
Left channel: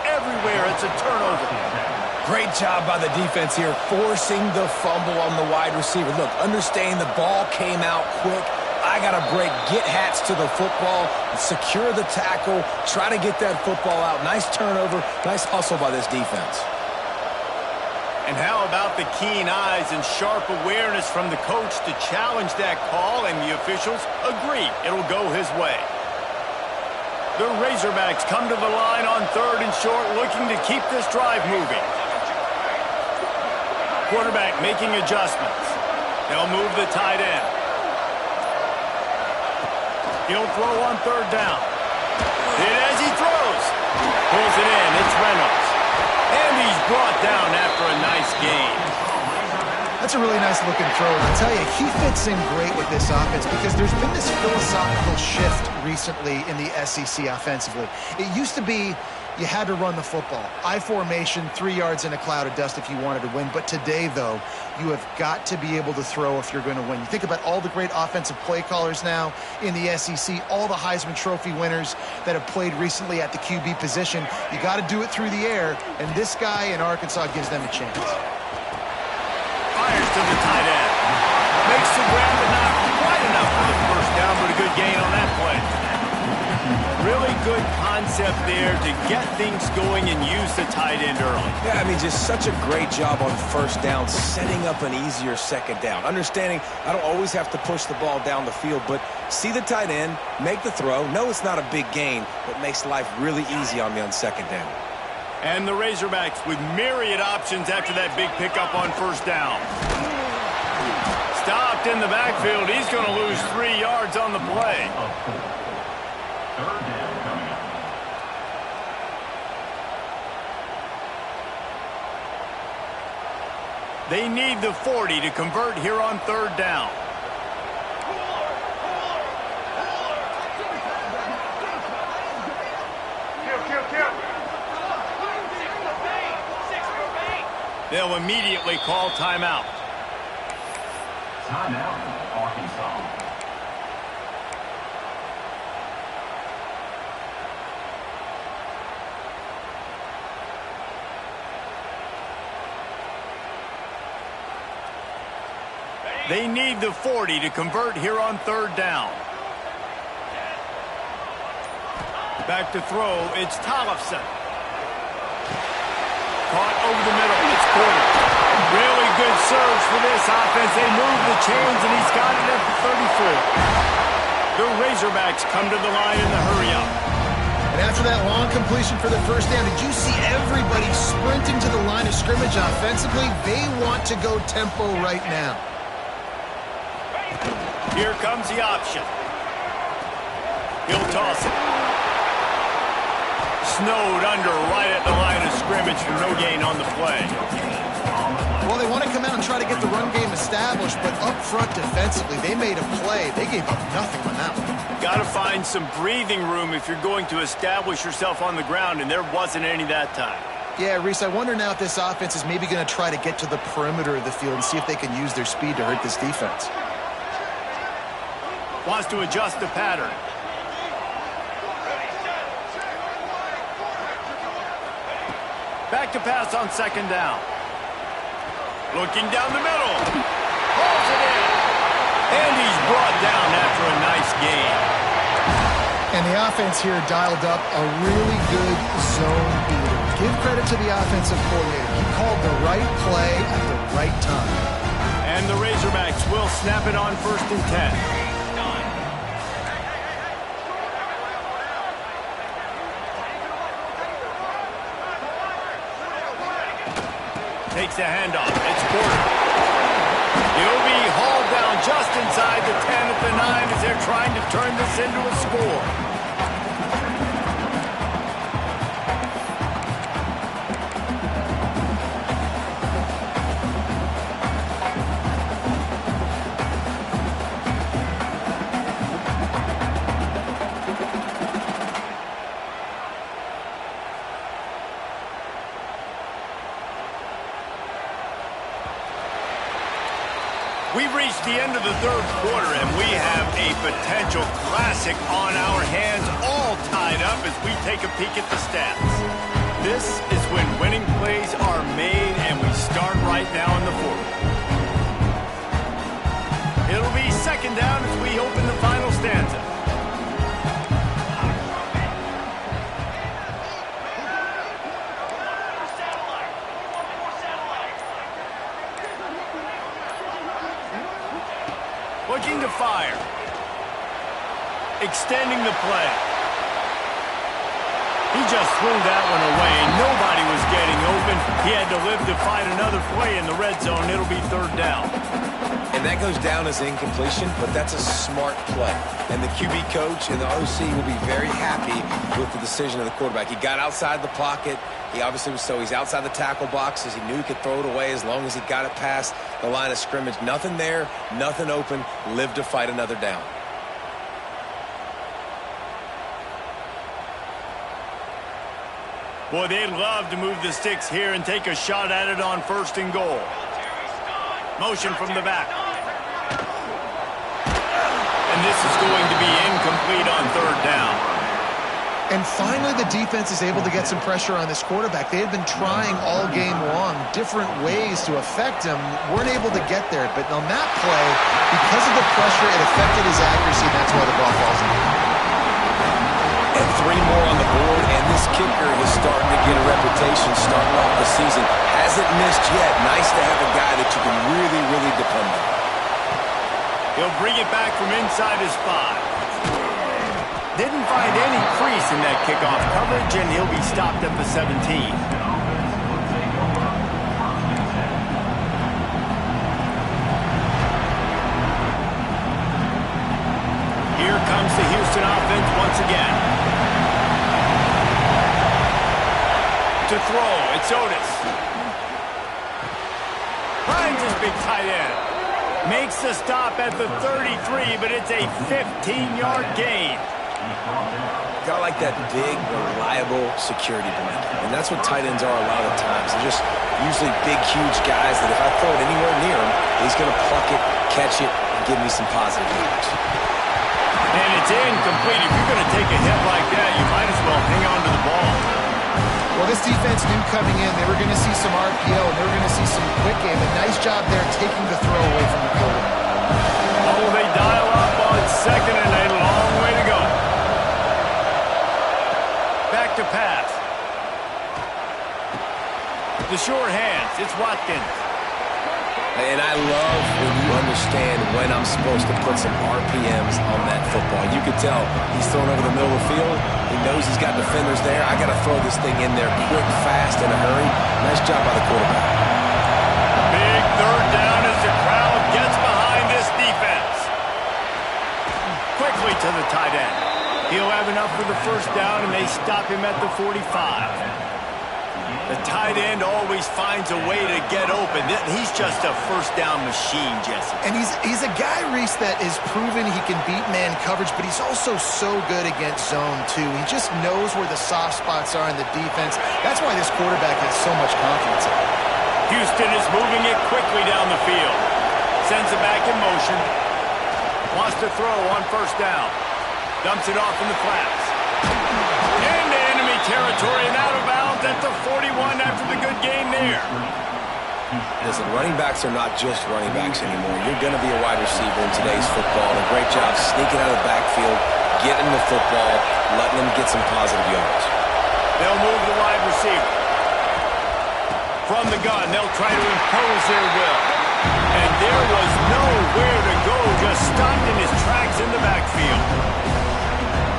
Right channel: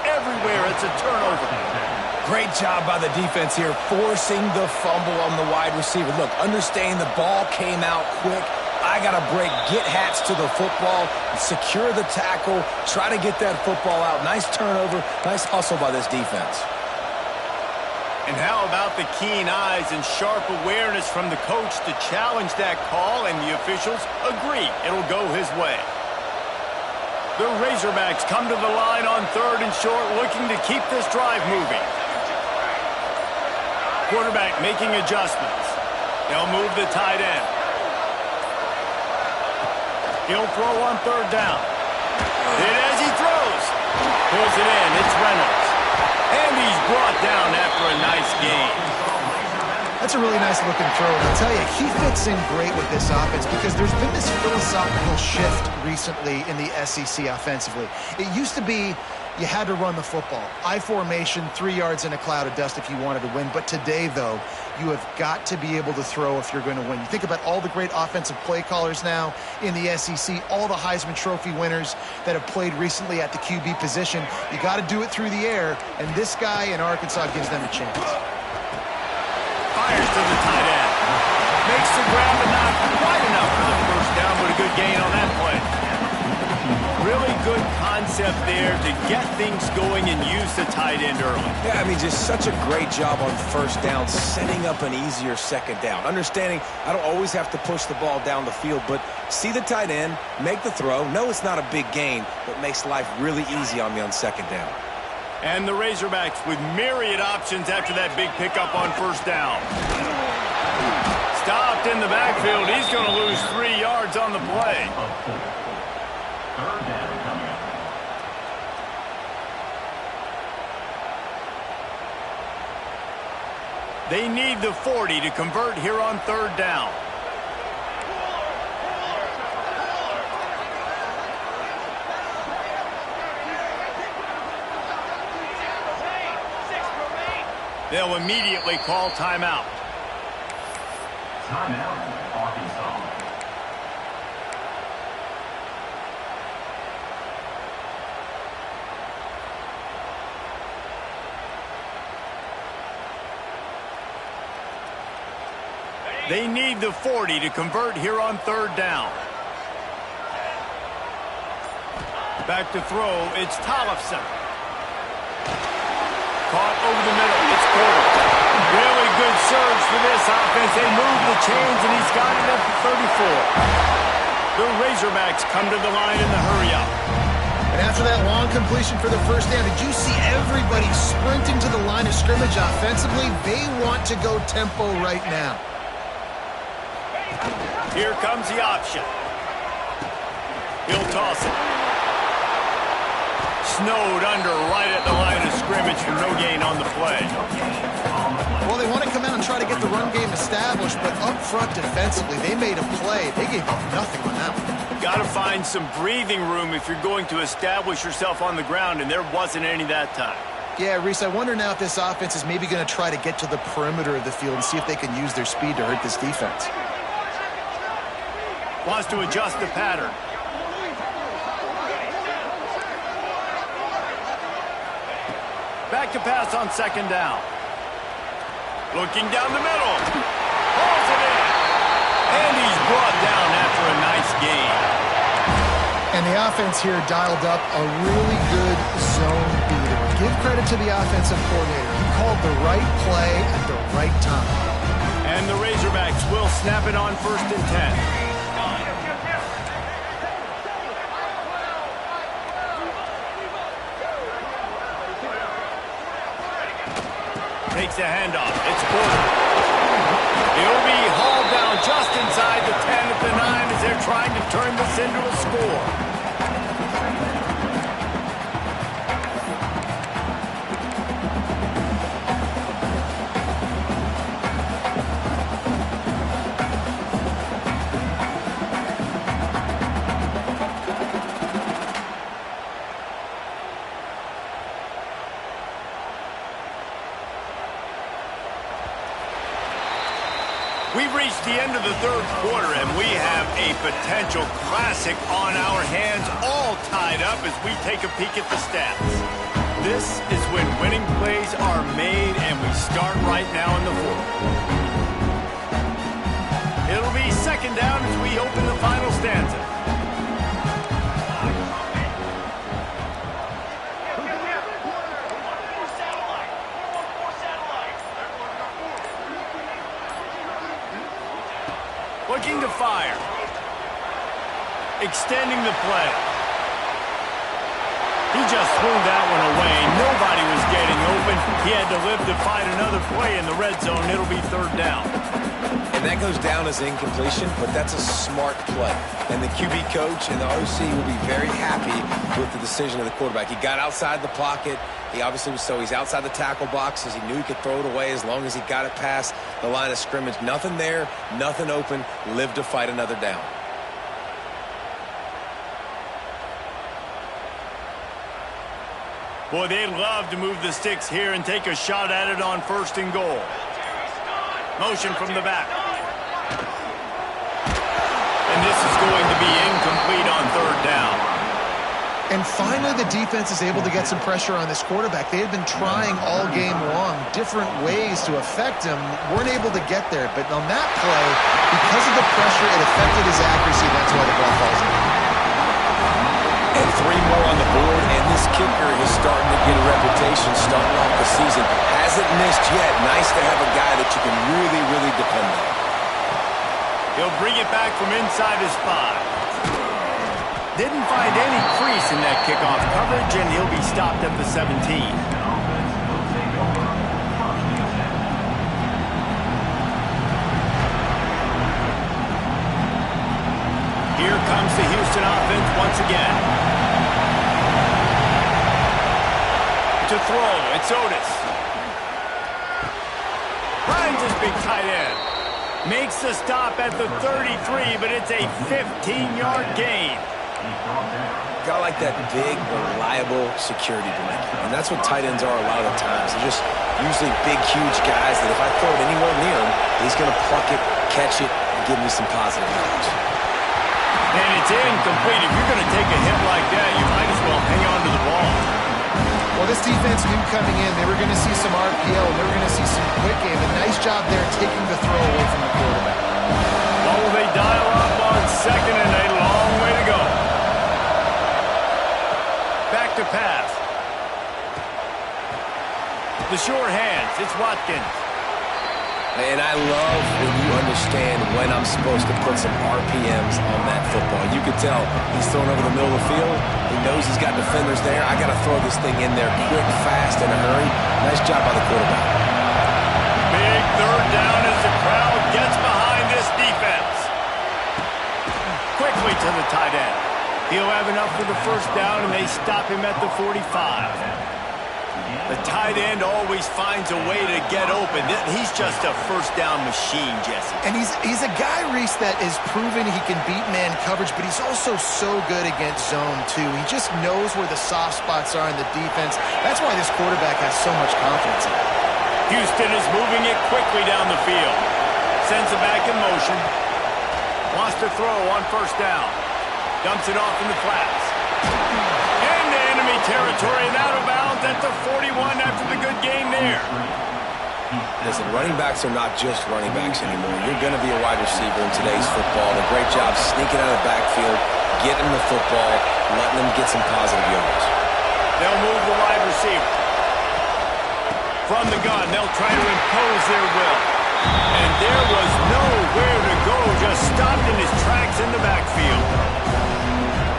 everywhere. It's a turnover. Great job by the defense here, forcing the fumble on the wide receiver. Look, understanding the ball came out quick. I got to break, get hats to the football, secure the tackle, try to get that football out. Nice turnover, nice hustle by this defense. And how about the keen eyes and sharp awareness from the coach to challenge that call, and the officials agree it'll go his way. The Razorbacks come to the line on 3rd and short, looking to keep this drive moving. Quarterback making adjustments. They'll move the tight end. He'll throw on 3rd down. Hit as he throws. Pulls it in. It's Reynolds. And he's brought down after a nice gain. That's a really nice looking throw, and I'll tell you, he fits in great with this offense because there's been this philosophical shift recently in the SEC offensively. It used to be you had to run the football. I formation, 3 yards in a cloud of dust if you wanted to win. But today, though, you have got to be able to throw if you're going to win. You think about all the great offensive play callers now in the SEC, all the Heisman Trophy winners that have played recently at the QB position. You got to do it through the air, and this guy in Arkansas gives them a chance. Fires to the tight end. Makes the grab, but not quite enough for the first down, but a good gain on that play. Really good concept there to get things going and use the tight end early. Yeah, I mean, just such a great job on 1st down, setting up an easier 2nd down. Understanding I don't always have to push the ball down the field, but see the tight end, make the throw. No, it's not a big gain, but makes life really easy on me on 2nd down. And the Razorbacks with myriad options after that big pickup on 1st down. Stopped in the backfield. He's going to lose 3 yards on the play. 3rd down coming up. They need the 40 to convert here on 3rd down. They'll immediately call timeout. Timeout, Arkansas. They need the 40 to convert here on 3rd down. Back to throw, it's Tollefson. Caught over the middle, it's Porter. Really good surge for this offense. They move the chains, and he's got it at the 34. The Razorbacks come to the line in the hurry-up. And after that long completion for the first down, did you see everybody sprinting to the line of scrimmage offensively? They want to go tempo right now. Here comes the option. He'll toss it. Snowed under right at the line of scrimmage for no gain on the play. Well, they want to come out and try to get the run game established, but up front defensively, they made a play. They gave up nothing on that one. Got to find some breathing room if you're going to establish yourself on the ground, and there wasn't any that time. Yeah, Reese, I wonder now if this offense is maybe going to try to get to the perimeter of the field and see if they can use their speed to hurt this defense. Wants to adjust the pattern. Back to pass on second down. Looking down the middle. Hauls it in. And he's brought down after a nice gain. And the offense here dialed up a really good zone beater. Give credit to the offensive coordinator. He called the right play at the right time. And the Razorbacks will snap it on 1st and 10. Takes a handoff. It's Porter. He'll be hauled down just inside the 10 at the 9 as they're trying to turn this into a score. We've reached the end of the third quarter, and we have a potential classic on our hands, all tied up as we take a peek at the stats. This is when winning plays are made, and we start right now in the fourth. It'll be second down as we open the final stanza. Looking to fire. Extending the play. He just threw that one away. Nobody was getting open. He had to live to fight another play in the red zone. It'll be third down. And that goes down as incompletion, but that's a smart play. And the QB coach and the OC will be very happy with the decision of the quarterback. He got outside the pocket. He obviously was, so he's outside the tackle boxes. He knew he could throw it away as long as he got it past the line of scrimmage. Nothing there, nothing open. Live to fight another down. Boy, they'd love to move the sticks here and take a shot at it on 1st and goal. Motion from the back. And this is going to be incomplete on 3rd down. And finally, the defense is able to get some pressure on this quarterback. They had been trying all game long, different ways to affect him. Weren't able to get there. But on that play, because of the pressure, it affected his accuracy, and that's why the ball falls in. And 3 more on the board, and this kicker is starting to get a reputation starting off the season. Hasn't missed yet. Nice to have a guy that you can really, really depend on. He'll bring it back from inside his 5. Didn't find any crease in that kickoff coverage, and he'll be stopped at the 17. Here comes the Houston offense once again. To throw, it's Otis. Finds his big tight end. Makes the stop at the 33, but it's a 15-yard gain. A guy like that, big, reliable security blanket. And that's what tight ends are a lot of the times. They're just usually big, huge guys that if I throw it anywhere near him, he's going to pluck it, catch it, and give me some positive yards. And it's incomplete. If you're going to take a hit like that, you might as well hang on to the ball. Well, this defense knew coming in they were going to see some RPO, and they were going to see some quick game. A nice job there taking the throw away from the quarterback. Oh, they dial up on 2nd and a long way to go. Back to pass. The short hands. It's Watkins. And I love when you understand when I'm supposed to put some RPMs on that football. You could tell he's throwing over the middle of the field. He knows he's got defenders there. I got to throw this thing in there quick, fast, in a hurry. Nice job by the quarterback. Big third down as the crowd gets behind this defense. Quickly to the tight end. He'll have enough for the first down, and they stop him at the 45. The tight end always finds a way to get open. He's just a first down machine, Jesse. And he's a guy, Reese, that is proven he can beat man coverage, but he's also so good against zone, too. He just knows where the soft spots are in the defense. That's why this quarterback has so much confidence in him. Houston is moving it quickly down the field. Sends it back in motion. Wants to throw on first down. Dumps it off in the flats. Into enemy territory and out of bounds at the 41 after the good game there. Listen, running backs are not just running backs anymore. You're going to be a wide receiver in today's football. And a great job sneaking out of the backfield, getting the football, letting them get some positive yards. They'll move the wide receiver. From the gun, they'll try to impose their will. And there was nowhere to go, just stopped in his tracks in the backfield.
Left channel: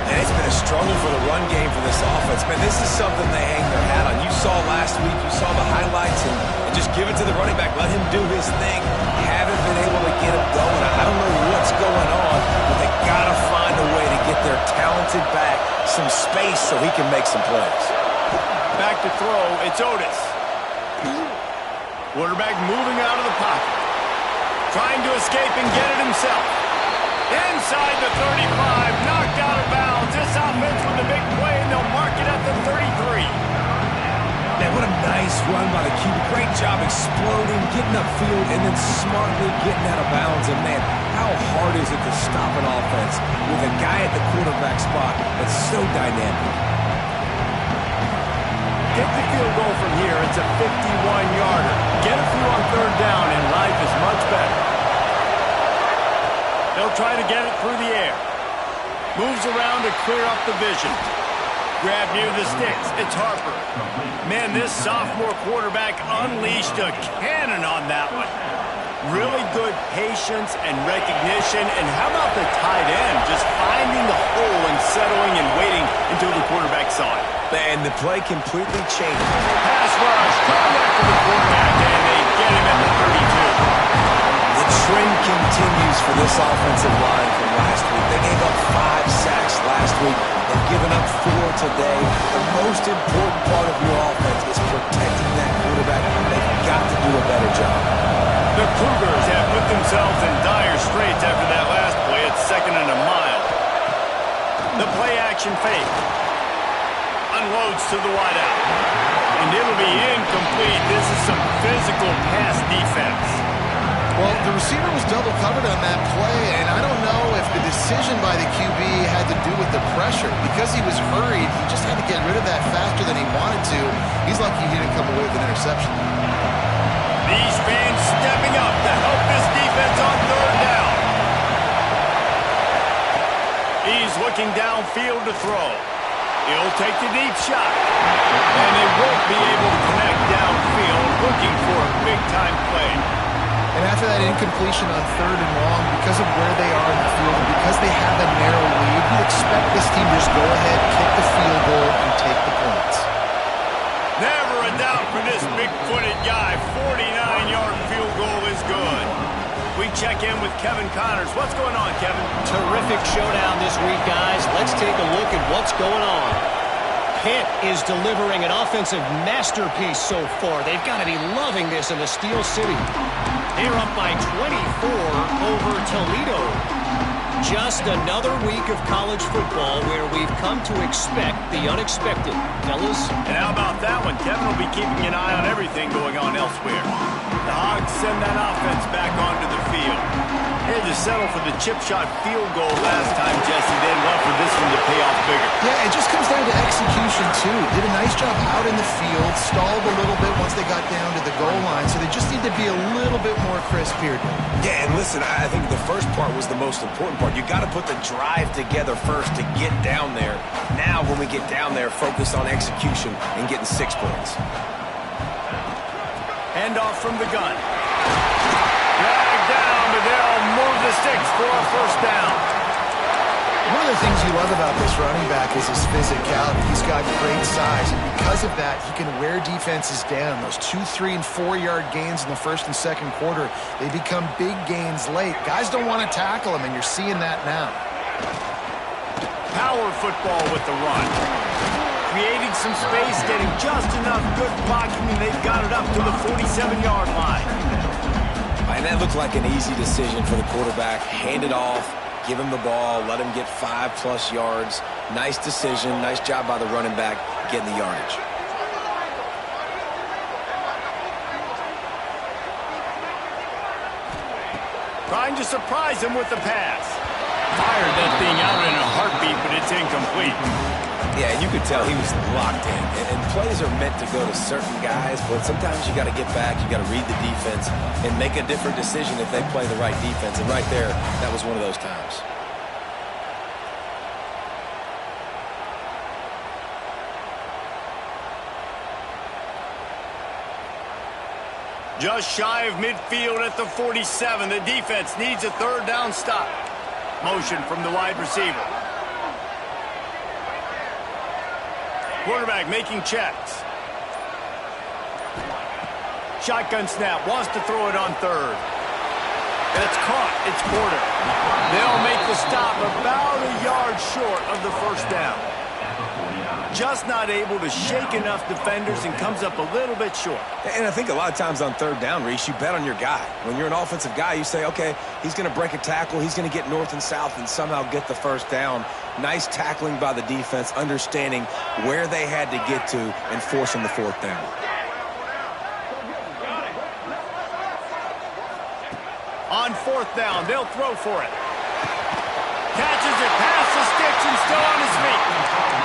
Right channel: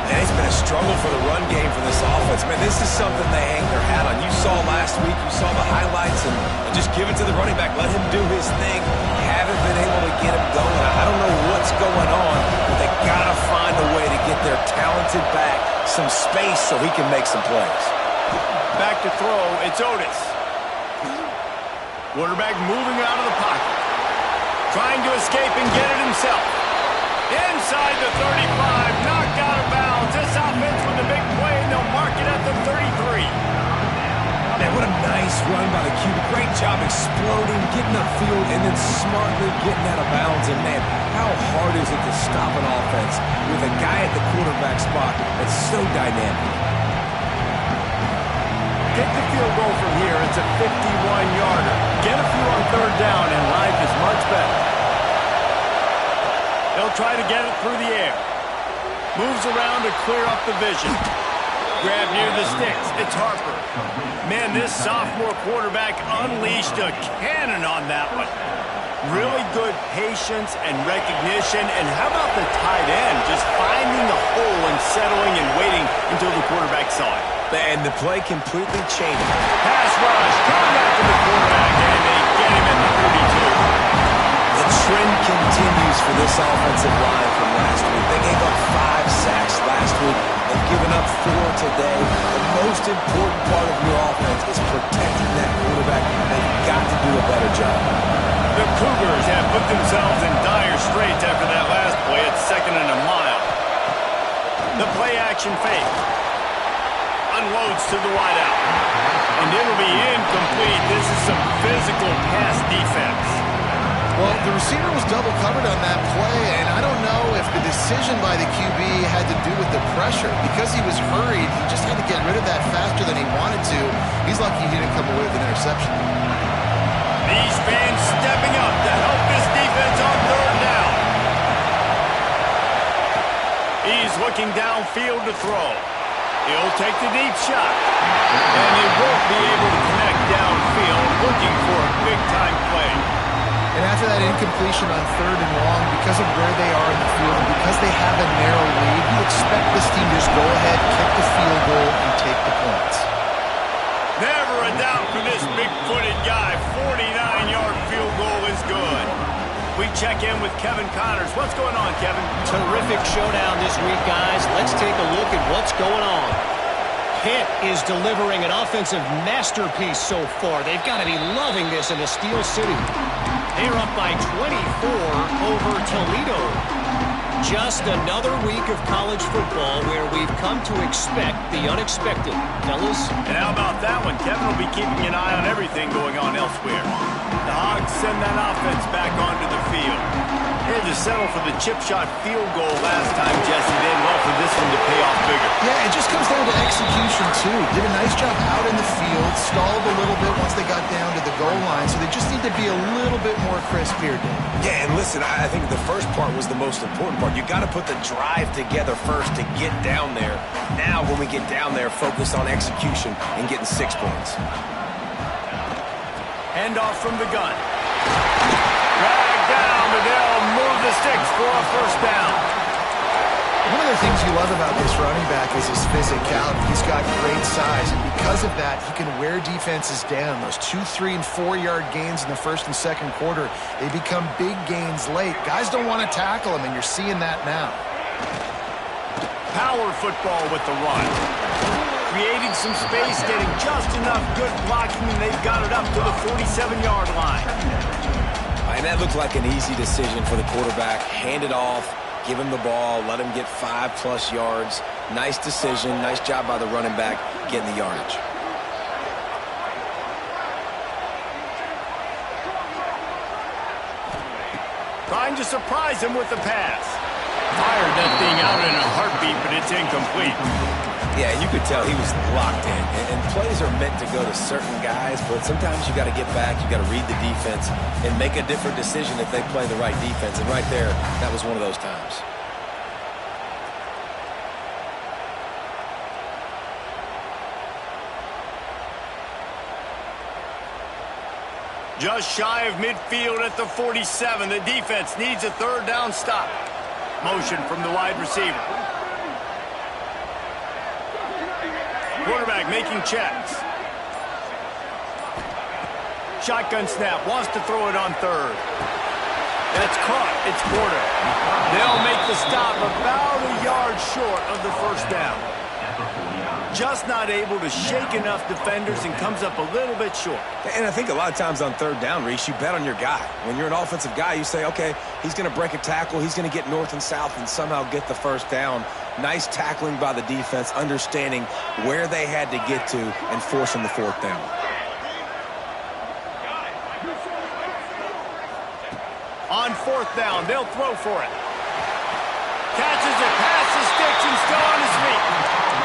And it's been a struggle for the run game for this offense. Man, this is something they hang their hat on. You saw last week, you saw the highlights, and just give it to the running back. Let him do his thing. Haven't been able to get him going. I don't know what's going on, but they got to find a way to get their talented back some space so he can make some plays. Back to throw, it's Otis. Quarterback moving out of the pocket. Trying to escape and get it himself. Inside the 35, knocked out of bounds. This offense with a big play, and they'll mark it at the 33. Man, what a nice run by the QB. Great job exploding, getting upfield, and then smartly getting out of bounds. And, man, how hard is it to stop an offense with a guy at the quarterback spot that's so dynamic? Get the field goal from here. It's a 51-yarder. Get a few on third down, and life is much better. They'll try to get it through the air. Moves around to clear up the vision. Grab near the sticks. It's Harper. Man, this sophomore quarterback unleashed a cannon on that one. Really good patience and recognition. And how about the tight end just finding the hole and settling and waiting until the quarterback saw it? And the play completely changed. Pass rush, coming after the quarterback, and they get him at the 32. The trend continues for this offensive line from last week. They gave up 5 sacks last week. They've given up 4 today. The most important part of your offense is protecting that quarterback. They've got to do a better job. The Cougars have put themselves in dire straits after that last play at 2nd and a mile. The play action fake. Unloads to the wideout. And it'll be incomplete. This is some physical pass defense. Well, the receiver was double covered on that play, and I don't know if the decision by the QB had to do with the pressure. Because he was hurried, he just had to get rid of that faster than he wanted to. He's lucky he didn't come away with an interception. These fans stepping up to help this defense on third down. He's looking downfield to throw. He'll take the deep shot. And he won't be able to connect downfield, looking for a big-time play. And after that incompletion on 3rd and long, because of where they are in the field and because they have a narrow lead, you'd expect this team to just go ahead, kick the field goal, and take the points. Never a doubt for this big-footed guy. 49-yard field goal is good. We check in with Kevin Connors. What's going on, Kevin? Terrific showdown this week, guys. Let's take a look at what's going on. Pitt is delivering an offensive masterpiece so far. They've got to be loving this in the Steel City. They're up by 24 over Toledo. Just another week of college football where we've come to expect the unexpected. Fellas? And how about that one? Kevin will be keeping an eye on everything going on elsewhere. The Hogs send that offense back onto the field. They had to settle for the chip shot field goal last time, Jesse. They'd love for this one to pay off bigger. Yeah, it just comes down to execution, too. Did a nice job out in the field, stalled a little bit once they got down to the goal line, so they just need to be a little bit more crisp here, Dave. Yeah, and listen, I think the first part was the most important part. You got to put the drive together first to get down there. Now, when we get down there, focus on execution and getting 6 points. Handoff from the gun. Dragged down, but they'll move the sticks for a first down. One of the things you love about this running back is his physicality. He's got great size, and because of that, he can wear defenses down. Those 2, 3, and 4-yard gains in the first and second quarter, they become big gains late. Guys don't want to tackle him, and you're seeing that now. Power football with the run. Creating some space, getting just enough good blocking, and they've got it up to the 47-yard line. And that looked like an easy decision for the quarterback. Hand it off. Give him the ball, let him get 5+ yards. Nice decision, nice job by the running back getting the yardage. Trying to surprise him with the pass. Fired that thing out in a heartbeat, but it's incomplete. Yeah, and you could tell he was locked in. And plays are meant to go to certain guys, but sometimes you got to get back, you got to read the defense, and make a different decision if they play the right defense. And right there, that was one of those times. Just shy of midfield at the 47. The defense needs a third down stop. Motion from the wide receiver. Quarterback making checks. Shotgun snap. Wants to throw it on third. That's caught. It's Porter. They'll make the stop about a yard short of the first down. Just not able to shake enough defenders and comes up a little bit short. And I think a lot of times on third down, Reese, you bet on your guy. When you're an offensive guy, you say, okay, he's going to break a tackle, he's going to get north and south and somehow get the first down. Nice tackling by the defense, understanding where they had to get to and forcing the fourth down. On fourth down, they'll throw for it. Catches it past the sticks and still on his feet.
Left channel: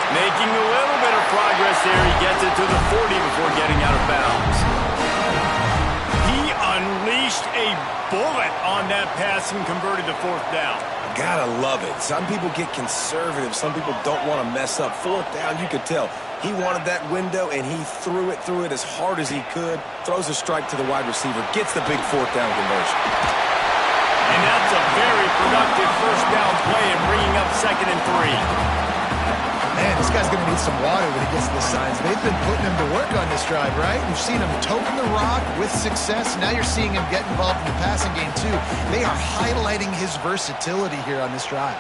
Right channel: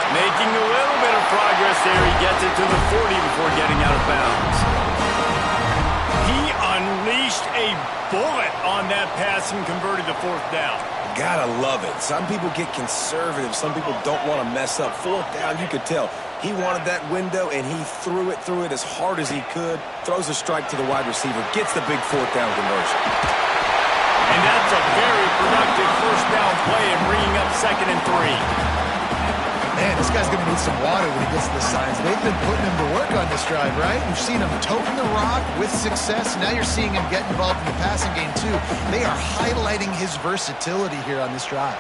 Making a little bit of progress there. He gets it to the 40 before getting out of bounds. He unleashed a bullet on that pass and converted the fourth down. Gotta love it. Some people get conservative. Some people don't want to mess up. Fourth down, you could tell. He wanted that window, and he threw it as hard as he could. Throws a strike to the wide receiver. Gets the big fourth down conversion. And that's a very productive first down play in bringing up 2nd and 3. Man, this guy's going to need some water when he gets to the signs. They've been putting him to work on this drive, right? You've seen him toting the rock with success. Now you're seeing him get involved in the passing game, too. They are highlighting his versatility here on this drive.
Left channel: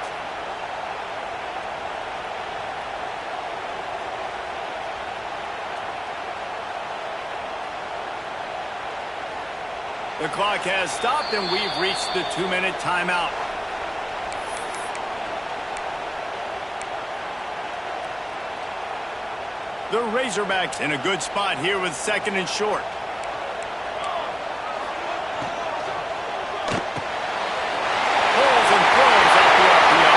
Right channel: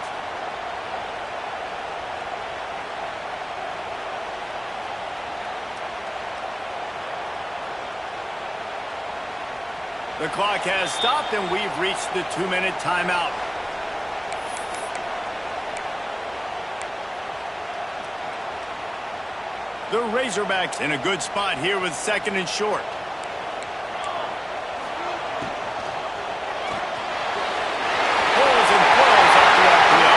The clock has stopped, and we've reached the 2-minute timeout. The Razorbacks in a good spot here with 2nd and short. Pulls and throws out the RPO.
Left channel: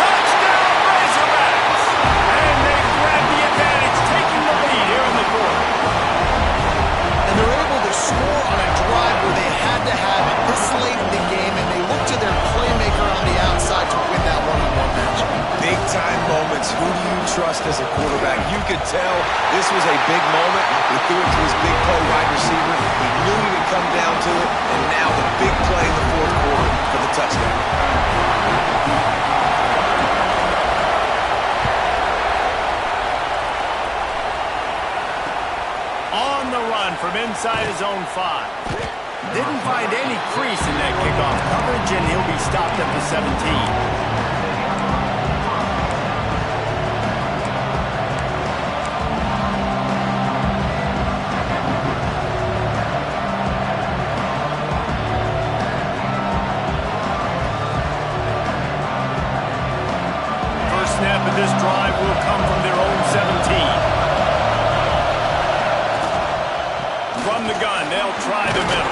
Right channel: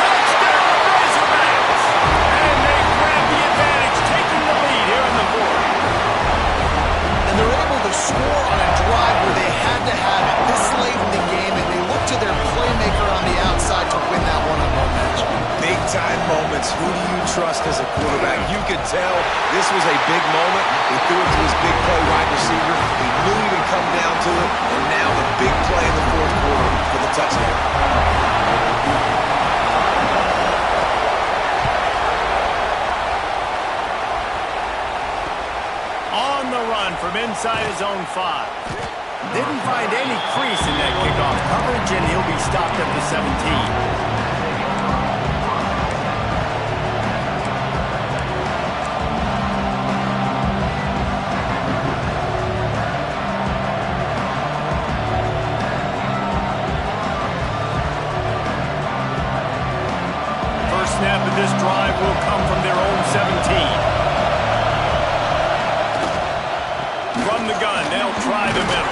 Touchdown, Razorbacks! And they grab the advantage, taking the lead here in the fourth. And they're able to score on a drive where they had to have it this late in the game, and they look to their playmaker on the outside to win that one-on-one matchup. Big-time moments. Who do you trust as a quarterback? You could tell this was a big moment. He threw it to his big play wide receiver. He knew he would come down to it, and now the big play in the fourth quarter for the touchdown. On the run from inside his own 5. Didn't find any crease in that kickoff coverage, and he'll be stopped at the 17. First snap of this drive will come from their own 17. From the gun, they'll try the middle.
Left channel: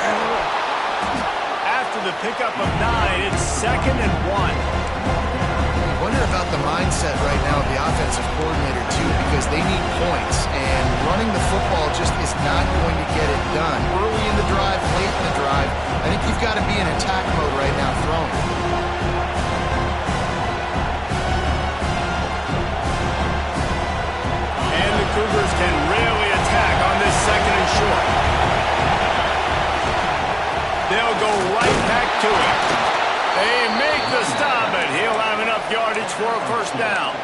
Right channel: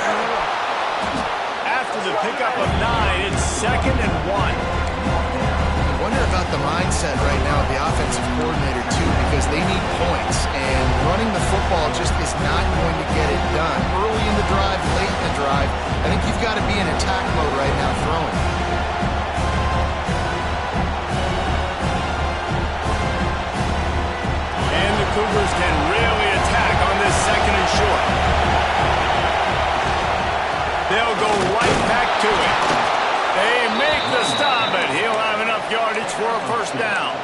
After the pickup of 9, it's 2nd and 1. You wonder about the mindset right now of the offensive coordinator, too, because they need points, and running the football just is not going to get it done. Early in the drive, late in the drive, I think you've got to be in attack mode right now throwing. And the Cougars can really attack on this 2nd and short. They'll go right back to it. They make the stop, but he'll have enough yardage for a first down.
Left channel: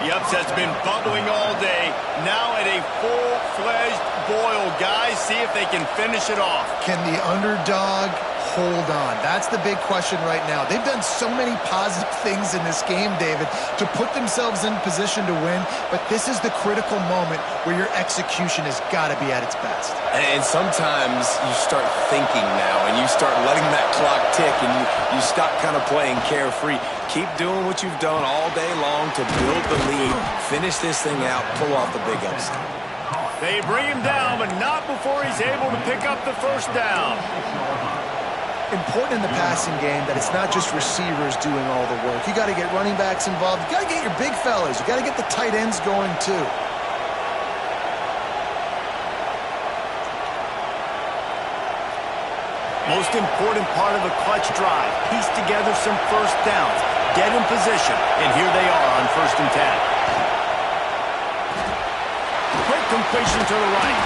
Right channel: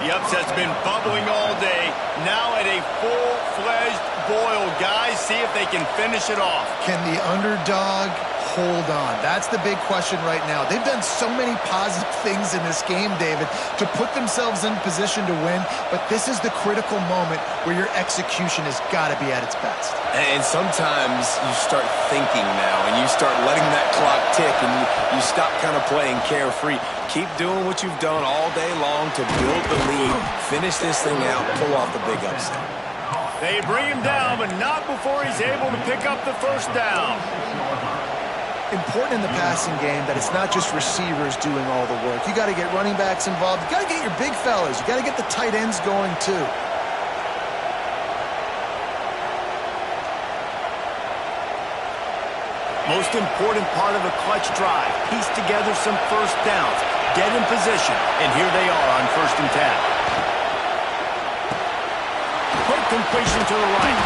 The upset's been bubbling all day. Now at a full-fledged boil. Guys, see if they can finish it off. Can the underdog hold on? That's the big question right now. They've done so many positive things in this game, David, to put themselves in position to win, but this is the critical moment where your execution has got to be at its best. And sometimes you start thinking now, and you start letting that clock tick, and you stop kind of playing carefree. Keep doing what you've done all day long to build the lead, finish this thing out, pull off the big upset. They bring him down, but not before he's able to pick up the first down. Important in the passing game that it's not just receivers doing all the work. You got to get running backs involved. You got to get your big fellas. You got to get the tight ends going too. Most important part of a clutch drive. Piece together some first downs. Get in position. And here they are on 1st and 10. Quick completion to the right.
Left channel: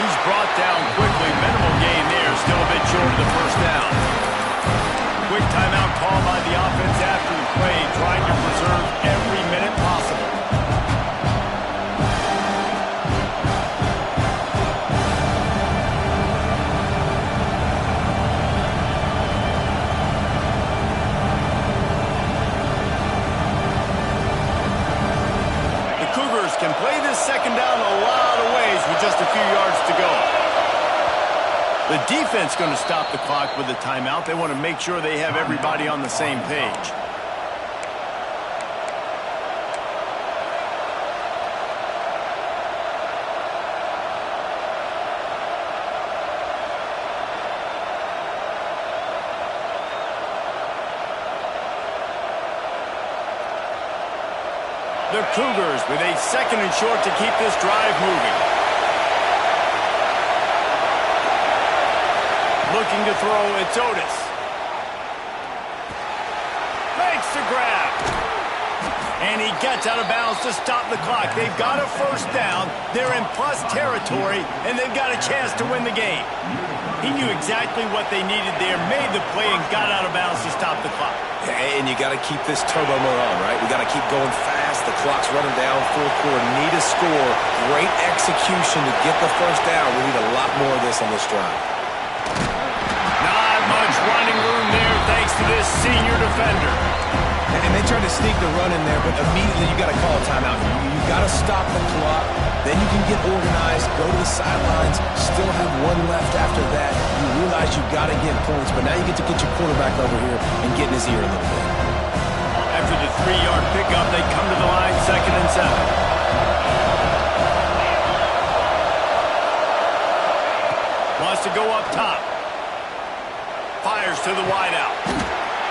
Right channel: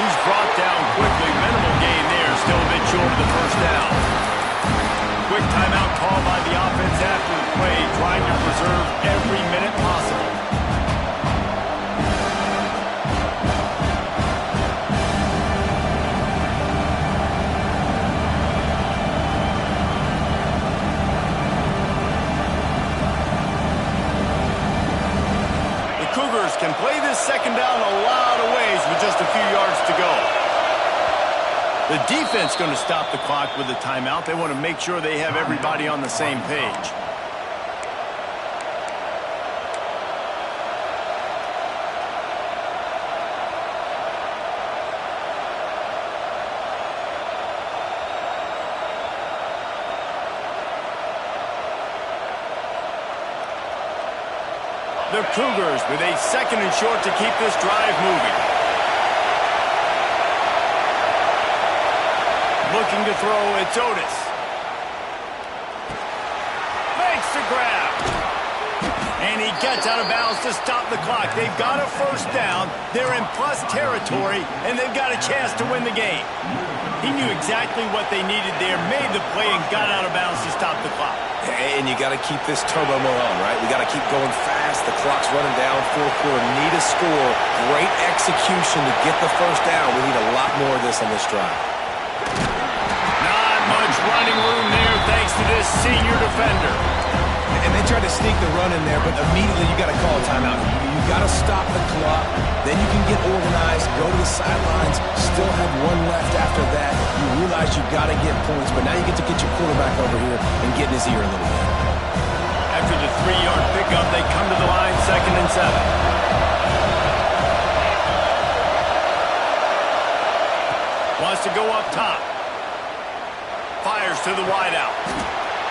He's brought down quickly. Minimal gain there. Still a bit short of the first down. Quick timeout call by the offense after the play, trying to preserve every minute possible. Cougars can play this second down a lot of ways with just a few yards to go. The defense going to stop the clock with a timeout. They want to make sure they have everybody on the same page. The Cougars with a 2nd and short to keep this drive moving. Looking to throw, it's Otis. Makes the grab. And he gets out of bounds to stop the clock. They've got a first down. They're in plus territory, and they've got a chance to win the game. He knew exactly what they needed there, made the play, and got out of bounds to stop the clock. And you got to keep this turbo mode on, right? We got to keep going fast. The clock's running down. 4th quarter, need a score. Great execution to get the first down. We need a lot more of this on this drive. Not much running room there thanks to this senior defender. And they tried to sneak the run in there, but immediately you got to call a timeout. You got to stop the clock. Then you can get organized, go to the sidelines, still have one left after that. You realize you got to get points, but now you get to get your quarterback over here and get in his ear a little bit. After the 3-yard pickup, they come to the line, 2nd and 7. Wants to go up top. Fires to the wideout.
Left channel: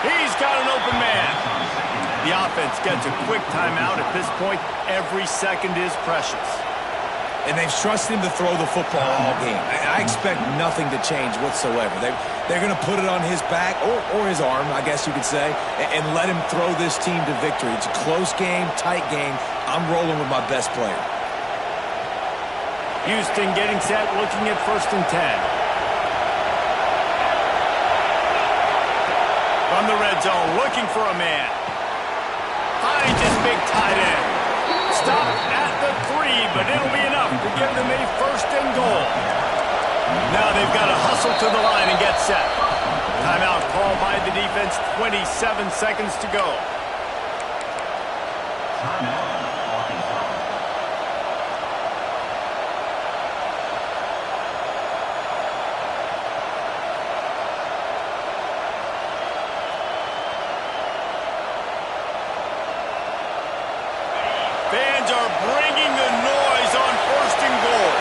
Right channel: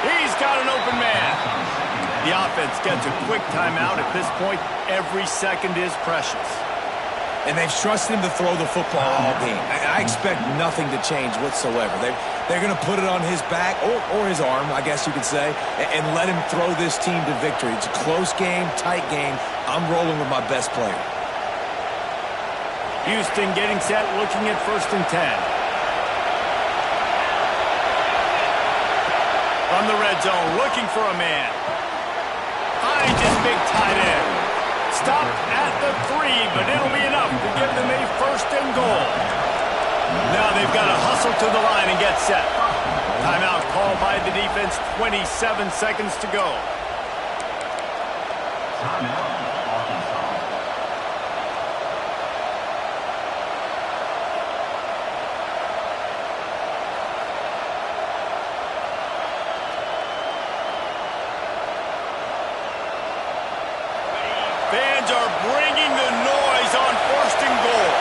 He's got an open man. The offense gets a quick timeout. At this point, every second is precious. And they've trusted him to throw the football all game. I expect nothing to change whatsoever. They're going to put it on his back, or his arm, I guess you could say, and let him throw this team to victory. It's a close game, tight game. I'm rolling with my best player. Houston getting set, looking at 1st and 10. From the red zone, looking for a man. Finds his big tight end. Stopped at the 3, but it'll be enough to give them a 1st and goal. Now they've got to hustle to the line and get set. Timeout called by the defense, 27 seconds to go. Timeout, Arkansas. Fans are bringing the noise on 1st and goal.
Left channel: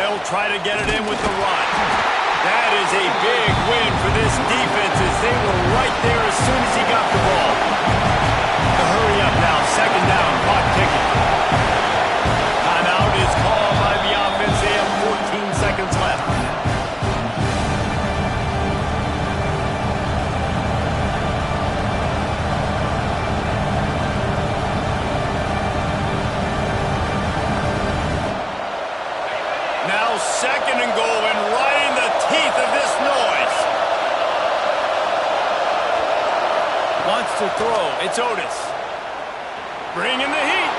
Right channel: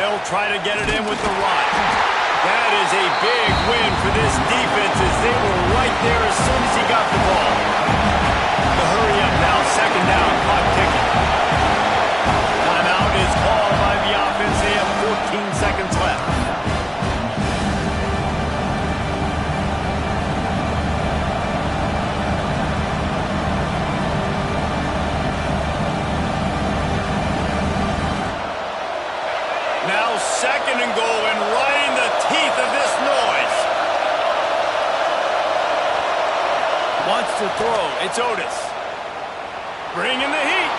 They'll try to get it in with the run. That is a big win for this defense as they were right there as soon as he got the ball. The hurry up now, 2nd down, clock ticking. Timeout is called by the offense. They have 14 seconds left. Second and goal, and right in the teeth of this noise. Wants to throw. It's Otis. Bringing the heat.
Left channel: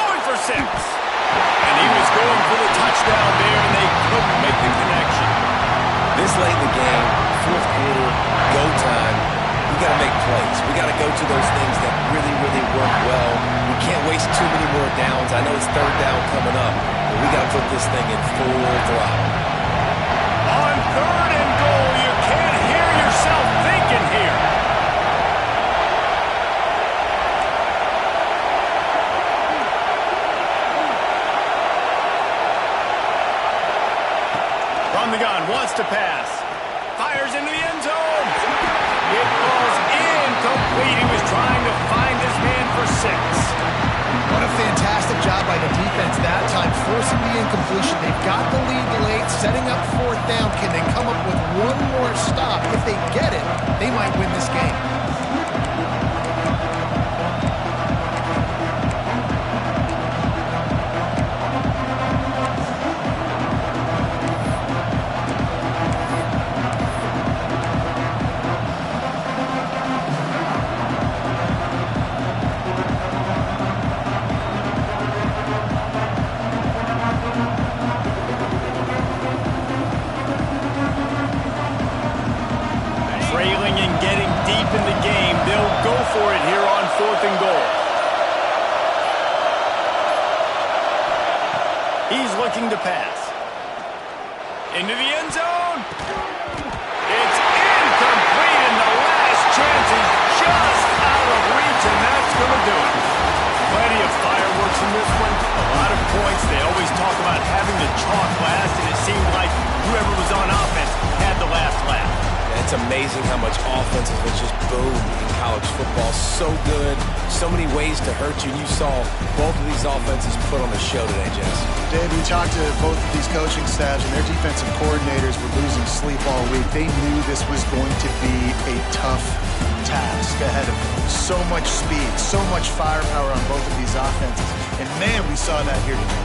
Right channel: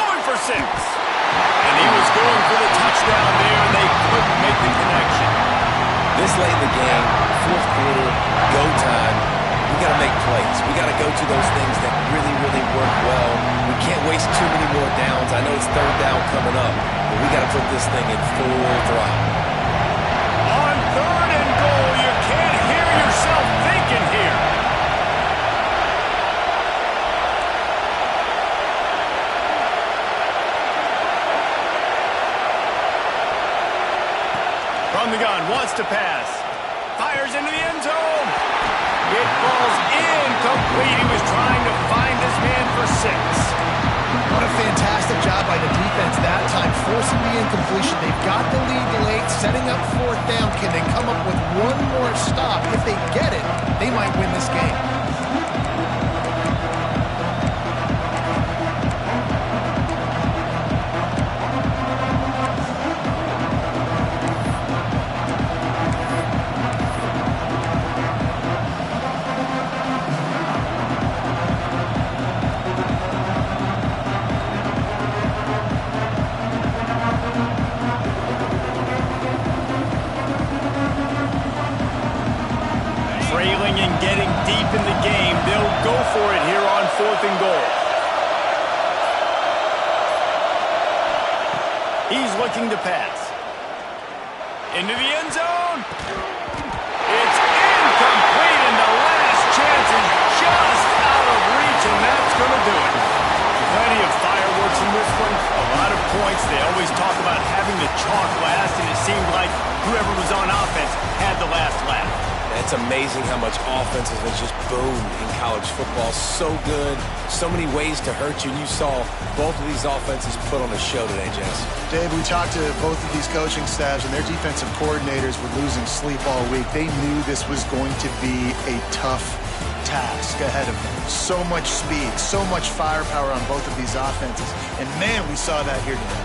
Going for 6. And he was going for the touchdown there, and they couldn't make the connection. This late in the game, fourth quarter, go time, we got to make plays. We got to go to those things that really, really work well. We can't waste too many more downs. I know it's third down coming up, but we got to put this thing in full throttle. On third and goal, you can't hear yourself thinking here. From the gun, wants to pass. Fires into the end zone. It falls incomplete. He was trying to find his man for 6. What a fantastic job by the defense that time, forcing the incompletion. They've got the lead late, setting up fourth down. Can they come up with one more stop? If they get it, they might win this game. Trailing and getting deep in the game. They'll go for it here on fourth and goal. He's looking to pass. Into the end zone. It's incomplete, and the last chance is just out of reach, and that's going to do it. Plenty of fireworks in this one. A lot of points. They always talk about having the chalk last, and it seemed like whoever was on offense had the last laugh. It's amazing how much offense has just boomed in college football. So good, so many ways to hurt you. And you saw both of these offenses put on a show today, Jess. Dave, we talked to both of these coaching staffs, and their defensive coordinators were losing sleep all week. They knew this was going to be a tough task ahead of them. So much speed, so much firepower on both of these offenses. And, man, we saw that here today.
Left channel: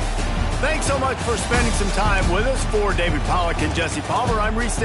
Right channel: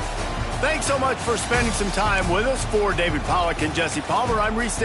Thanks so much for spending some time with us. For David Pollack and Jesse Palmer, I'm Reese.